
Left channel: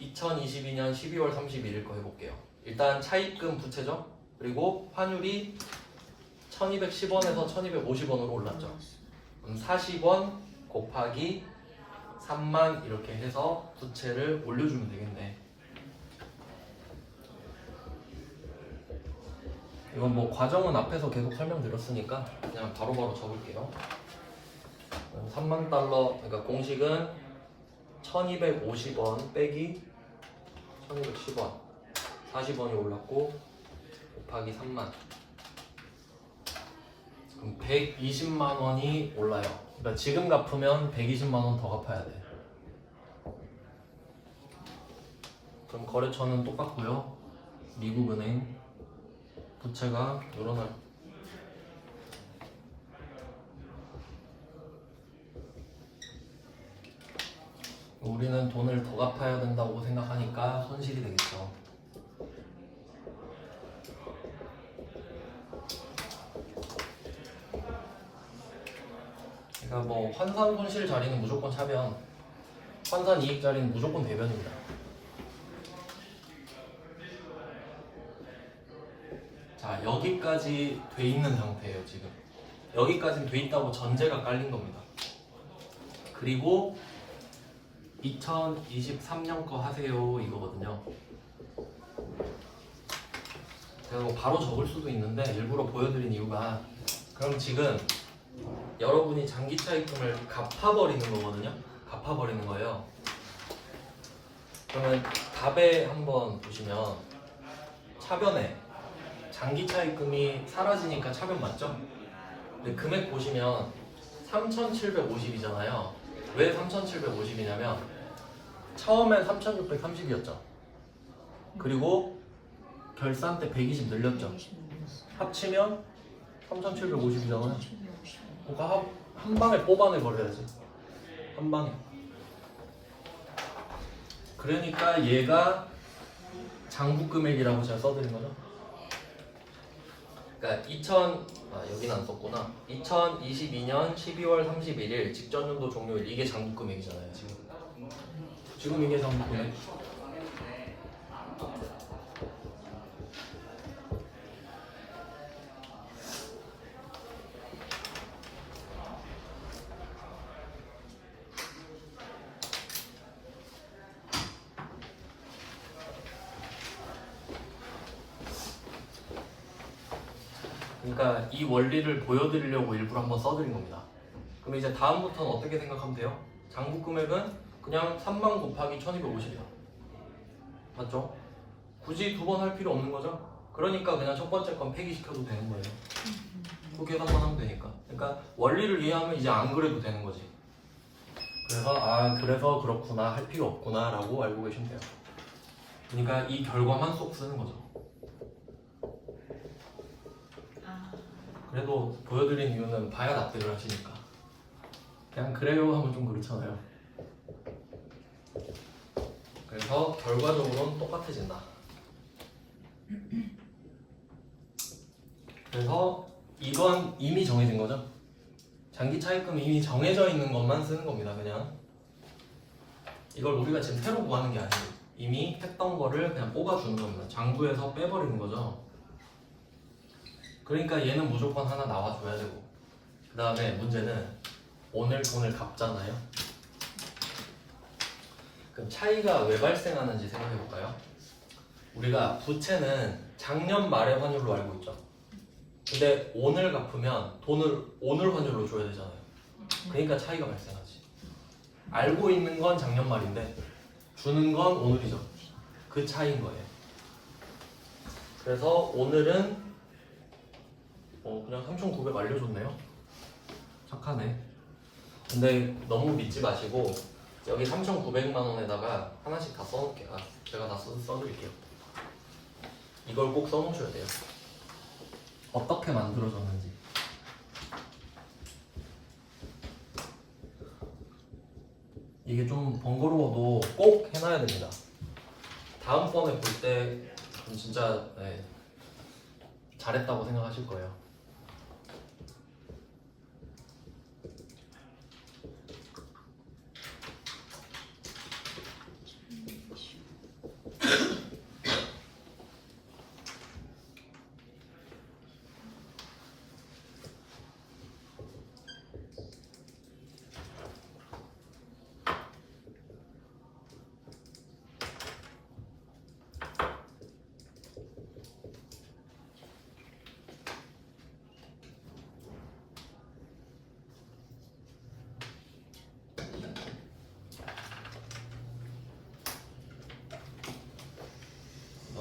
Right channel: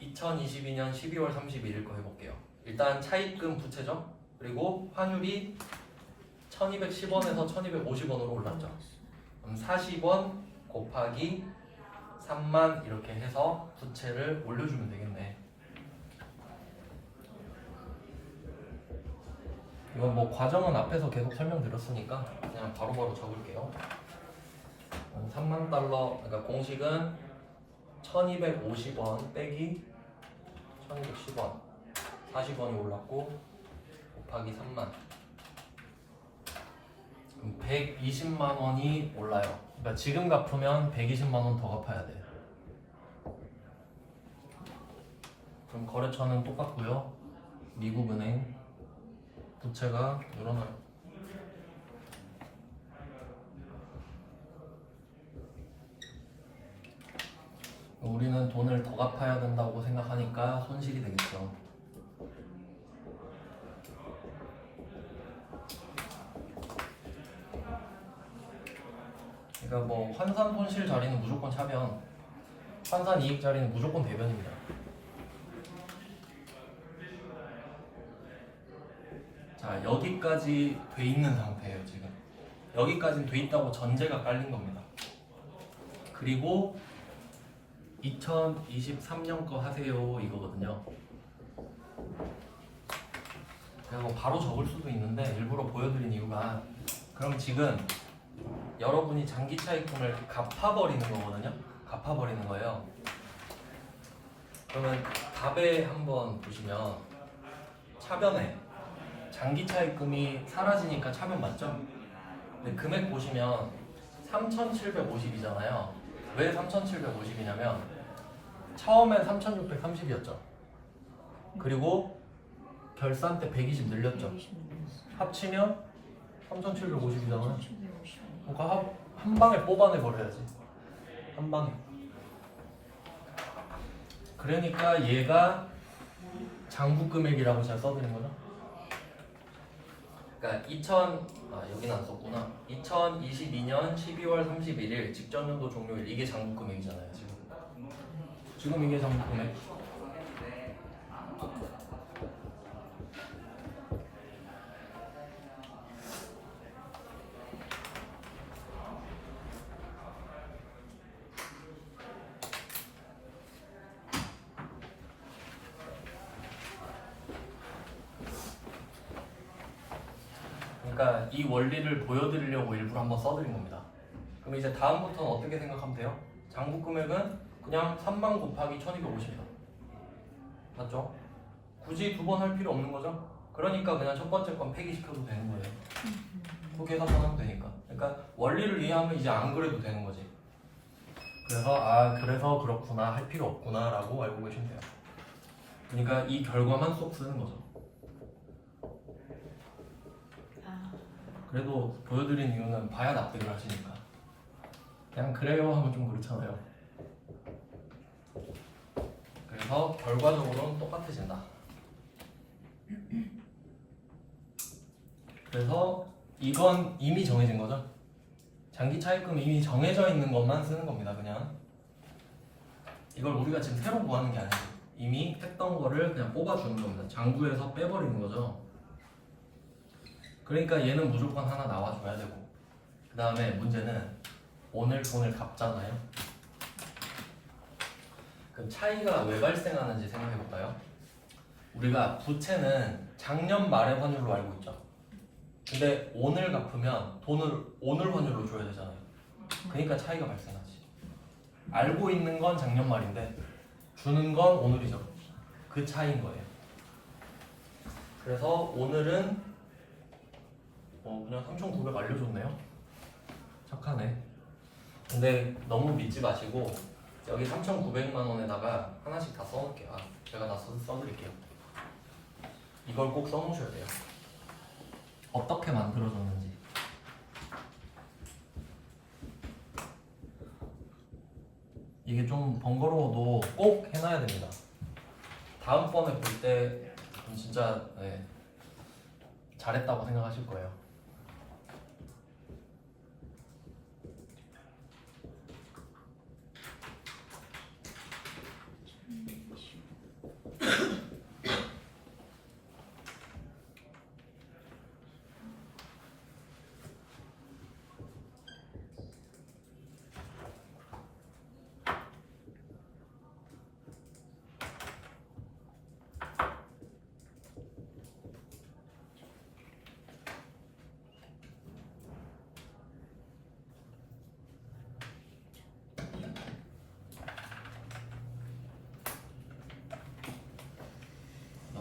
2022년 12월 31일 거 해볼게요. 일단 차입금 부채죠? 그리고 환율이 1210원에서 1250원으로 올랐죠. 그럼 40원 곱하기 3만 이렇게 해서 부채를 올려주면 되겠네. 이건 뭐 과정은 앞에서 계속 설명드렸으니까 그냥 바로바로 적을게요. 3만 달러, 그러니까 공식은 1250원 빼기 1210원, 40원이 올랐고 곱하기 3만. 그럼 120만 원이 올라요. 그러니까 지금 갚으면 120만 원 더 갚아야 돼. 그럼 거래처는 똑같고요. 미국은행 부채가 늘어나요. 우리는 돈을 더 갚아야 된다고 생각하니까 손실이 되겠죠. 그러니까 뭐 환산 손실 자리는 무조건 차변, 환산 이익 자리는 무조건 대변입니다. 자, 여기까지 돼 있는 상태예요. 지금 여기까지는 돼 있다고 전제가 깔린 겁니다. 그리고 2023년 거 하세요 이거거든요. 그리고 바로 적을 수도 있는데 일부러 보여드린 이유가, 그럼 지금 여러분이 장기 차입금을 갚아버리는 거거든요. 갚아버리는 거예요. 그러면 답에 한번 보시면 차변에 장기 차입금이 사라지니까 차변 맞죠? 근데 금액 보시면 3,750이잖아요. 왜 3,750이냐면 처음엔 3,630이었죠. 그리고 결산 때 120 늘렸죠. 합치면 3,750이잖아요. 그러니까 한 방에 뽑아내 버려야지. 한 방에. 그러니까 얘가 장부 금액이라고 제가 써드린 거죠. 그러니까 여기는 안 썼구나. 2022년 12월 31일 직전연도 종료일 이게 장부 금액이잖아요. 지금 이게 장부 금액. 그러니까 이 원리를 보여드리려고 일부러 한번 써드린 겁니다. 그럼 이제 다음부터는 어떻게 생각하면 돼요? 장부 금액은 그냥 3만 곱하기 1250이요. 맞죠? 굳이 두 번 할 필요 없는 거죠? 그러니까 그냥 첫 번째 건 폐기시켜도 되는 거예요. 두 개만 하면 되니까. 그러니까 원리를 이해하면 이제 안 그래도 되는 거지. 그래서 그렇구나 할 필요 없구나 라고 알고 계시면 돼요. 그러니까 이 결과만 쏙 쓰는 거죠. 그래도 보여드린 이유는 봐야 납득을 하시니까. 그냥 그래요 하면 좀 그렇잖아요. 그래서 결과적으로는 똑같아진다. 그래서 이건 이미 정해진 거죠. 장기 차입금 이미 정해져 있는 것만 쓰는 겁니다. 그냥 이걸 우리가 지금 새로 구하는 게 아니고 이미 했던 거를 그냥 뽑아주는 겁니다. 장부에서 빼버리는 거죠. 그러니까 얘는 무조건 하나 나와줘야 되고, 그 다음에 문제는 오늘 돈을 갚잖아요. 그럼 차이가 왜 발생하는지 생각해 볼까요? 우리가 부채는 작년 말의 환율로 알고 있죠. 근데 오늘 갚으면 돈을 오늘 환율로 줘야 되잖아요. 그러니까 차이가 발생하지. 알고 있는 건 작년 말인데 주는 건 오늘이죠. 그 차이인 거예요. 그래서 오늘은 그냥 3,900 알려줬네요. 착하네. 근데 너무 믿지 마시고 여기 3,900만 원에다가 하나씩 다 써놓을게요. 제가 다 써드릴게요. 이걸 꼭 써놓으셔야 돼요. 어떻게 만들어졌는지. 이게 좀 번거로워도 꼭 해놔야 됩니다. 다음번에 볼 때 진짜 잘했다고 생각하실 거예요.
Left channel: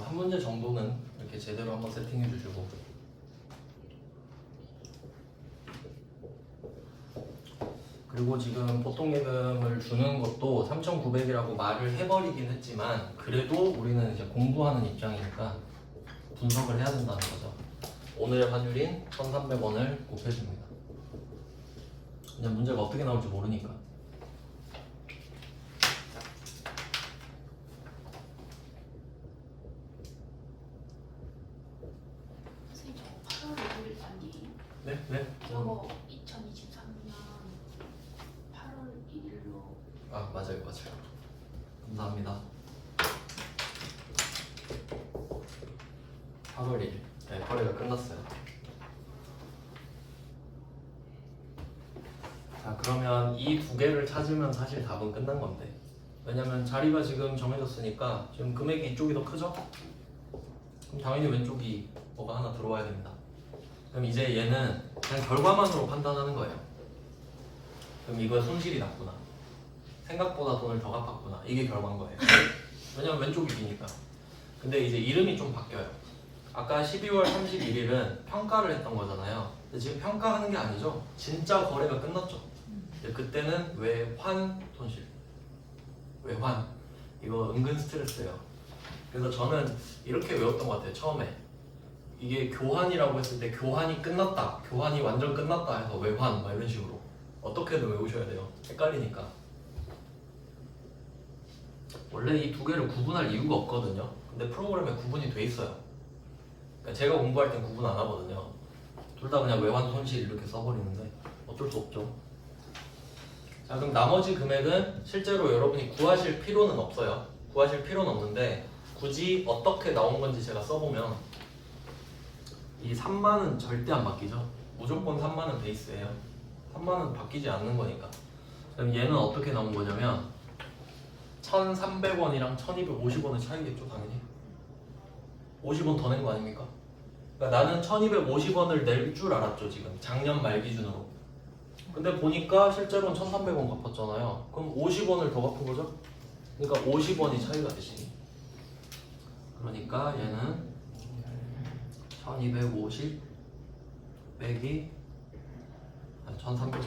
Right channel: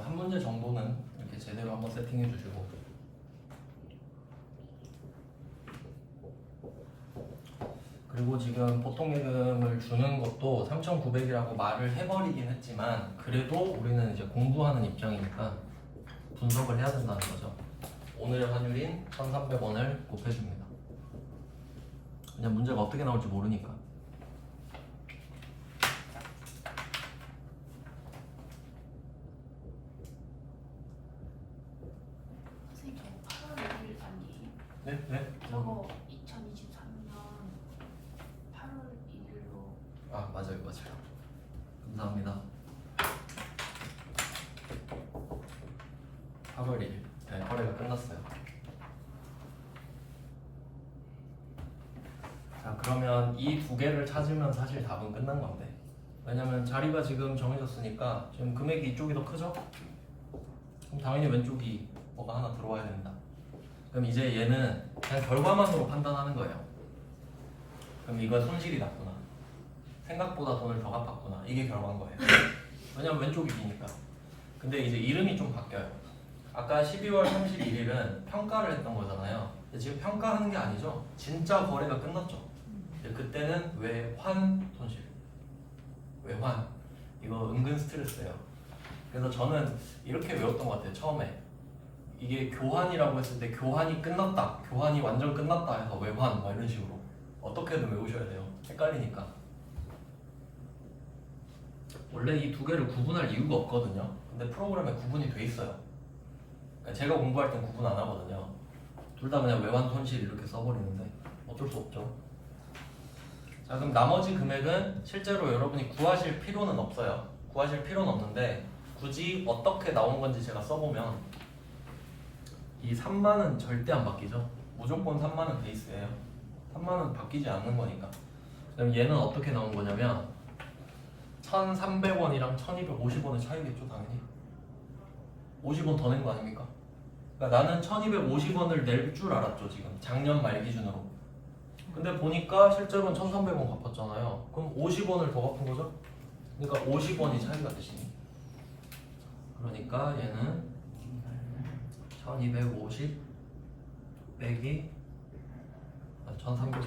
한 문제 정도는 이렇게 제대로 한번 세팅해 주시고, 그리고 지금 보통예금을 주는 것도 3,900이라고 말을 해버리긴 했지만 그래도 우리는 이제 공부하는 입장이니까 분석을 해야 된다는 거죠. 오늘의 환율인 1,300원을 곱해줍니다. 그냥 문제가 어떻게 나올지 모르니까. 선생님 저거 8월 1일 아니에요? 네? 네? 저거 2023년 8월 1일로 아 맞아요. 감사합니다. 8월 1일 거래가 끝났어요. 자 그러면 이 두 개를 찾으면 사실 답은 끝난 건데, 왜냐면 자리가 지금 정해졌으니까 지금 금액이 이쪽이 더 크죠? 그럼 당연히 왼쪽이 뭐가 하나 들어와야 됩니다. 그럼 이제 얘는 그냥 결과만으로 판단하는 거예요. 그럼 이거 손실이 났구나, 생각보다 돈을 더 갚았구나, 이게 결과인 거예요. 왜냐면 왼쪽이 기니까. 근데 이제 이름이 좀 바뀌어요. 아까 12월 31일은 평가를 했던 거잖아요. 근데 지금 평가하는 게 아니죠. 진짜 거래가 끝났죠. 근데 그때는 외환 손실. 외환. 이거 은근 스트레스예요. 그래서 저는 이렇게 외웠던 것 같아요. 처음에. 이게 교환이라고 했을 때 교환이 끝났다. 교환이 완전 끝났다 해서 외환 막 이런 식으로. 어떻게든 외우셔야 돼요. 헷갈리니까. 원래 이 두 개를 구분할 이유가 없거든요. 근데 프로그램에 구분이 돼 있어요. 그러니까 제가 공부할 땐 구분 안 하거든요. 둘 다 그냥 외환 손실 이렇게 써버리는데 어쩔 수 없죠. 자, 그럼 나머지 금액은 실제로 여러분이 구하실 필요는 없어요. 구하실 필요는 없는데 굳이 어떻게 나온 건지 제가 써보면 이 3만은 절대 안 바뀌죠. 무조건 3만은 베이스예요. 3만은 바뀌지 않는 거니까. 그럼 얘는 어떻게 나온 거냐면 1,300원이랑 1,250원의 차이겠죠, 당연히. 50원 더 낸 거 아닙니까? 그러니까 나는 1,250원을 낼 줄 알았죠, 지금. 작년 말 기준으로. 근데 보니까 실제로는 1,300원 갚았잖아요. 그럼 50원을 더 갚은 거죠? 그러니까 50원이 차이가 되시니. 그러니까 얘는 1,250 빼기 1,300이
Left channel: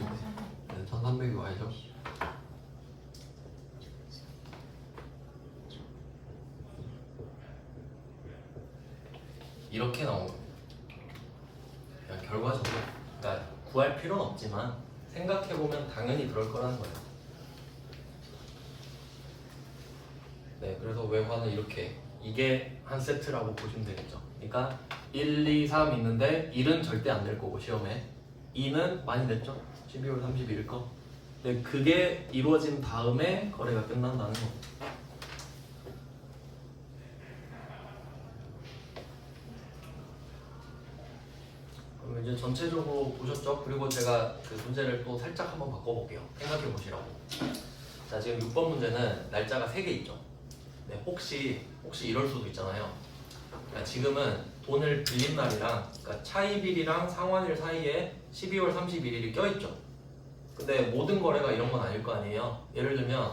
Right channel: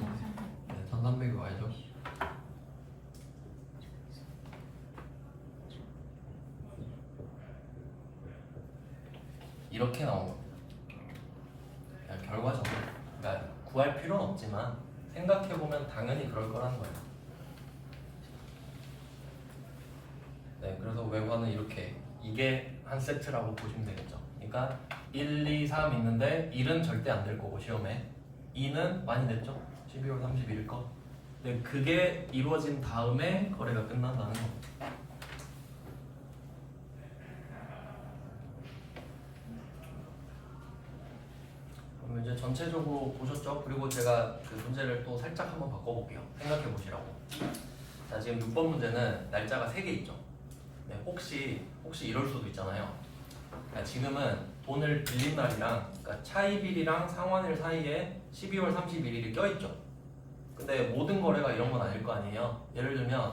1,300이 와야죠. 이렇게 나온 겁니다. 그러니까 결과적으로 그러니까 구할 필요는 없지만 생각해보면 당연히 그럴 거라는 거예요. 네, 그래서 외환은 이렇게 이게 한 세트라고 보시면 되겠죠. 그러니까 1, 2, 3 있는데 1은 절대 안 낼 거고 시험에 2는 많이 냈죠. 12월 31일 거. 근데 그게 이루어진 다음에 거래가 끝난다는 거. 그럼 이제 전체적으로 보셨죠? 그리고 제가 그 문제를 또 살짝 한번 바꿔볼게요. 생각해 보시라고. 자, 지금 6번 문제는 날짜가 3개 있죠. 네, 혹시 이럴 수도 있잖아요. 그러니까 지금은 돈을 빌린 날이랑 그러니까 차입일이랑 상환일 사이에 12월 31일이 껴있죠. 근데 모든 거래가 이런 건 아닐 거 아니에요. 예를 들면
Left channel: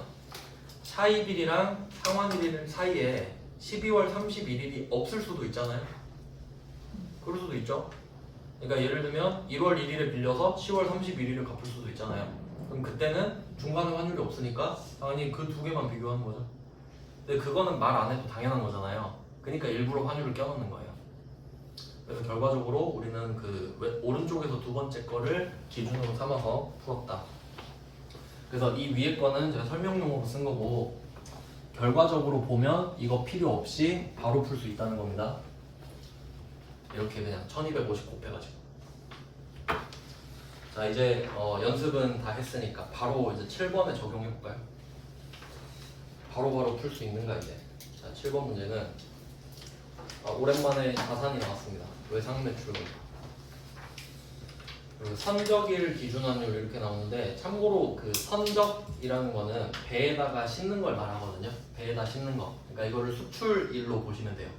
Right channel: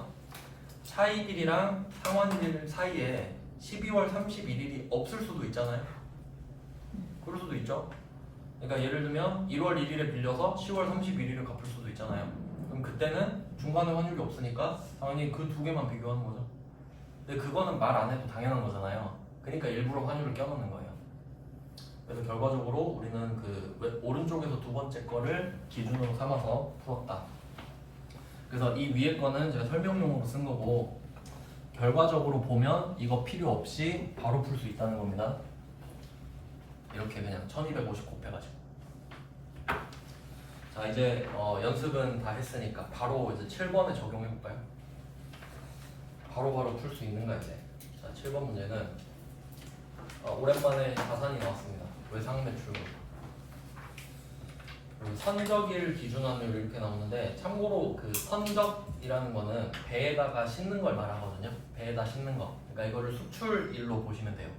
차입일이랑 상환일 사이에 12월 31일이 없을 수도 있잖아요. 그럴 수도 있죠. 그러니까 예를 들면 1월 1일에 빌려서 10월 31일을 갚을 수도 있잖아요. 그럼 그때는 중간에 환율이 없으니까 당연히 그 두 개만 비교하는 거죠. 근데 그거는 말 안 해도 당연한 거잖아요. 그러니까 일부러 환율을 껴놓는 거예요. 그래서 결과적으로 우리는 그 오른쪽에서 두 번째 거를 기준으로 삼아서 풀었다. 그래서 이 위에 거는 제가 설명용으로 쓴 거고 결과적으로 보면 이거 필요 없이 바로 풀 수 있다는 겁니다. 이렇게 그냥 1250 곱해가지고. 자, 이제 연습은 다 했으니까 바로 이제 7번에 적용해 볼까요? 바로 풀 수 있는가 이제. 자, 7번 문제는 오랜만에 자산이 나왔습니다. 외상매출. 그리고 선적일 기준환율 이렇게 나오는데 참고로 그 선적이라는 거는 배에다가 싣는 걸 말하거든요. 배에다 싣는 거. 그러니까 이거를 수출일로 보시면 돼요.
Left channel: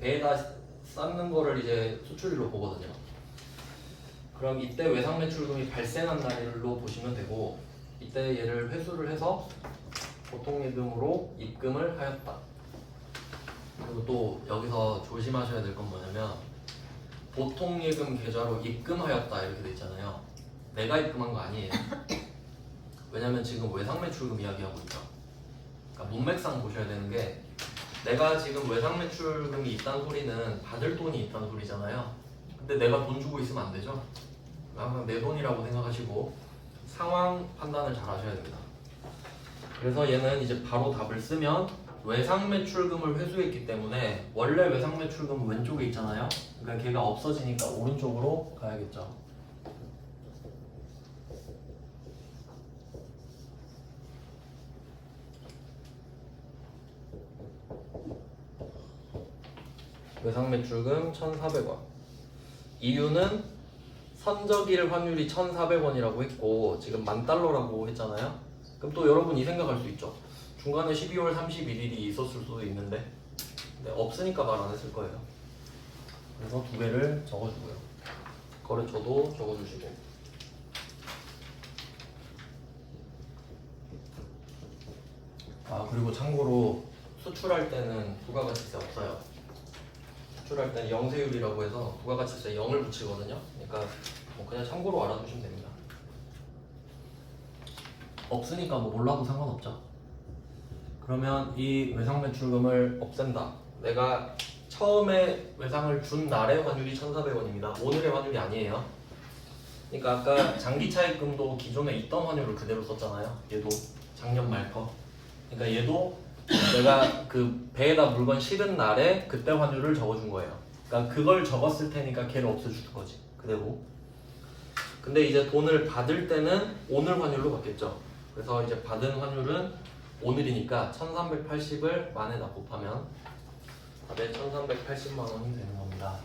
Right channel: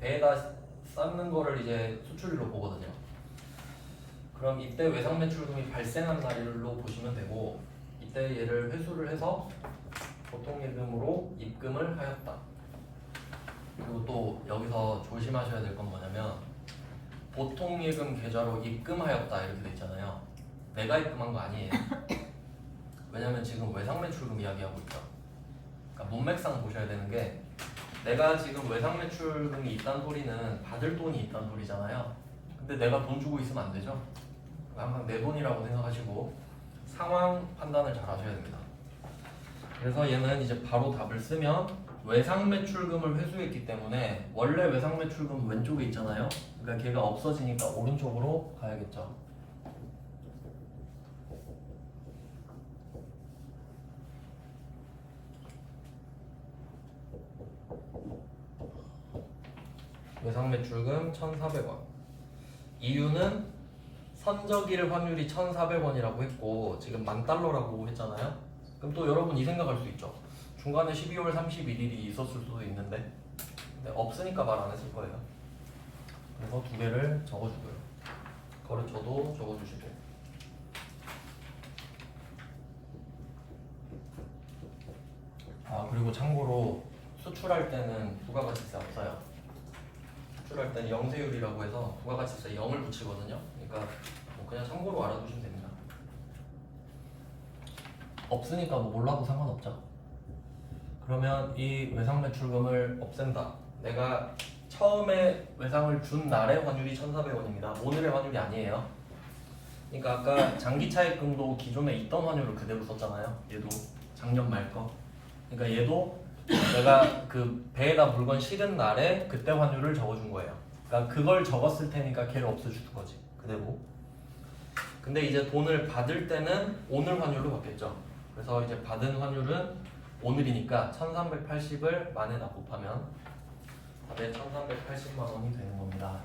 배에다 쌓는 거를 이제 수출일로 보거든요. 그럼 이때 외상매출금이 발생한 날로 보시면 되고 이때 얘를 회수를 해서 보통예금으로 입금을 하였다. 그리고 또 여기서 조심하셔야 될 건 뭐냐면 보통예금 계좌로 입금하였다 이렇게 돼 있잖아요. 내가 입금한 거 아니에요. 왜냐면 지금 외상매출금 이야기하고 있죠. 그러니까 문맥상 보셔야 되는 게 내가 지금 외상매출금이 있다는 소리는 받을 돈이 있다는 소리잖아요. 근데 내가 돈 주고 있으면 안 되죠. 항상 내 돈이라고 생각하시고 상황 판단을 잘 하셔야 됩니다. 그래서 얘는 이제 바로 답을 쓰면 외상매출금을 회수했기 때문에 원래 외상매출금은 왼쪽에 있잖아요. 그러니까 걔가 없어지니까 오른쪽으로 가야겠죠. 외상매출금 1,400원. 이유는 선적일 환율이 1,400원이라고 했고 지금 $10,000라고 했잖아요. 그럼 또 여러분 이 생각할 수 있죠. 중간에 12월 31일이 있었을 수도 있는데 근데 없으니까 말 안 했을 거예요. 그래서 두 개를 적어주고요. 거래처도 적어주시고. 그리고 참고로 수출할 때는 부가가치세 없어요. 추출할 때는 영세율이라고 해서 부가가치세 0을 붙이거든요. 그러니까 뭐 그냥 참고로 알아두시면 됩니다. 없으니까 뭐 몰라도 상관없죠. 그러면 이 외상 매출금을 없앤다. 내가 처음에 외상을 준 날의 환율이 1,400원입니다. 오늘의 환율이 아니에요. 그러니까 아까 장기차익금도 기존에 있던 환율을 그대로 썼잖아요. 얘도 작년 말 거. 그러니까 얘도 내가 그 배에다 물건 실은 날에 그때 환율을 적어준 거예요. 그러니까 그걸 적었을 테니까 걔를 없애주는 거지. 그대로. 근데 이제 돈을 받을 때는 오늘 환율로 받겠죠. 그래서 이제 받은 환율은 오늘이니까 1380을 만에다 곱하면 이제 1380만 원이 되는 겁니다.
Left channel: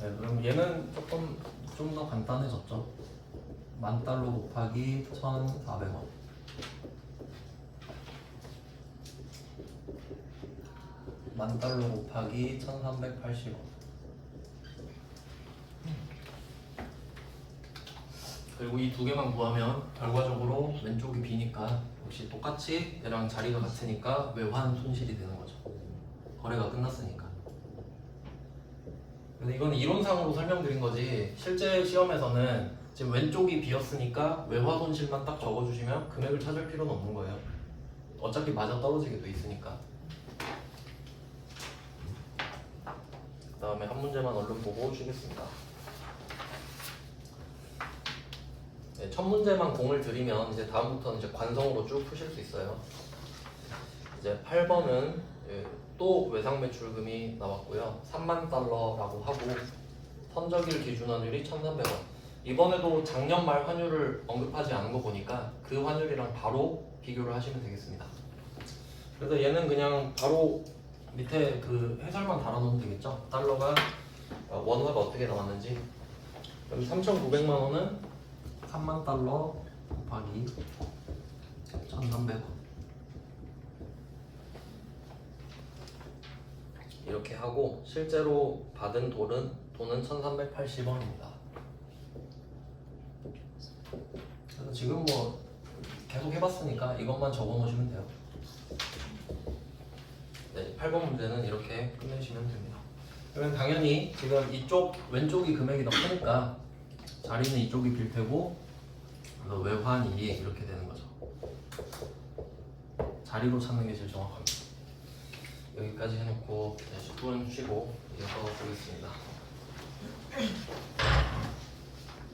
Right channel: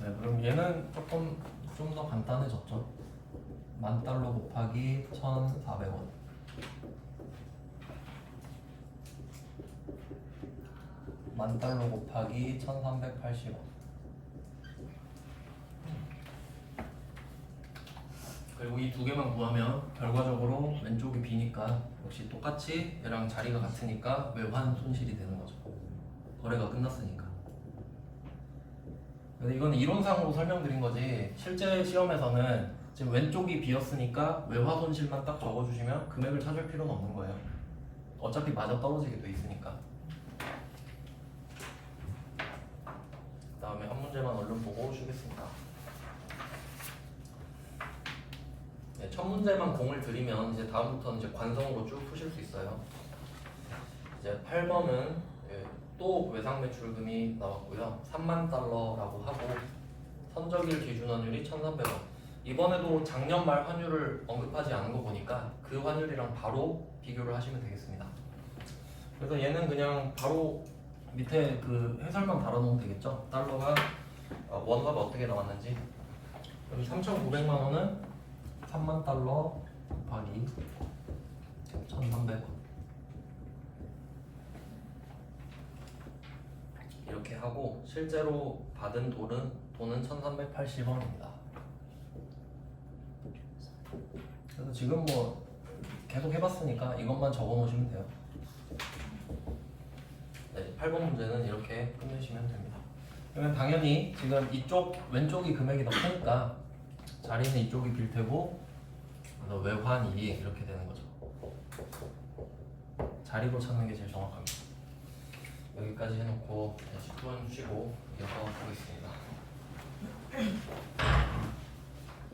네, 그럼 얘는 조금 좀 더 간단해졌죠. 10,000달러 곱하기 1,400원. $10,000 곱하기 1,380원. 그리고 이 두 개만 구하면 결과적으로 왼쪽이 B니까 역시 똑같이 얘랑 자리가 같으니까 외환 손실이 되는 거죠. 거래가 끝났으니까. 근데 이건 이론상으로 설명드린 거지 실제 시험에서는 지금 왼쪽이 비었으니까 외화 손실만 딱 적어주시면 금액을 찾을 필요는 없는 거예요. 어차피 맞아 떨어지게 돼 있으니까. 그 다음에 한 문제만 얼른 보고 쉬겠습니다. 네, 첫 문제만 공을 들이면 이제 다음부터는 이제 관성으로 쭉 푸실 수 있어요. 이제 8번은 또 외상 매출금이 나왔고요. 3만 달러라고 하고 선적일 기준 환율이 1,300원. 이번에도 작년 말 환율을 언급하지 않은 거 보니까 그 환율이랑 바로 비교를 하시면 되겠습니다. 그래서 얘는 그냥 바로 밑에 그 해설만 달아놓으면 되겠죠. 달러가 원화가 어떻게 나왔는지. 그럼 3,900만 원은 3만 달러 곱하기 1,300원. 이렇게 하고 실제로 받은 돈은 1,380원입니다. 그래서 지금 뭐 계속 해봤으니까 이것만 적어 놓으시면 돼요. 네, 8번 문제는 이렇게 끝내시면 됩니다. 그러면 당연히 지금 이쪽 왼쪽이 금액이 더 크니까 자리는 이쪽이 빌 테고 그래서 외환이 이렇게 되는 거죠. 자리로 찾는 게 제일 정확합니다. 여기까지 해놓고 10분 쉬고 이제 수업을 보겠습니다.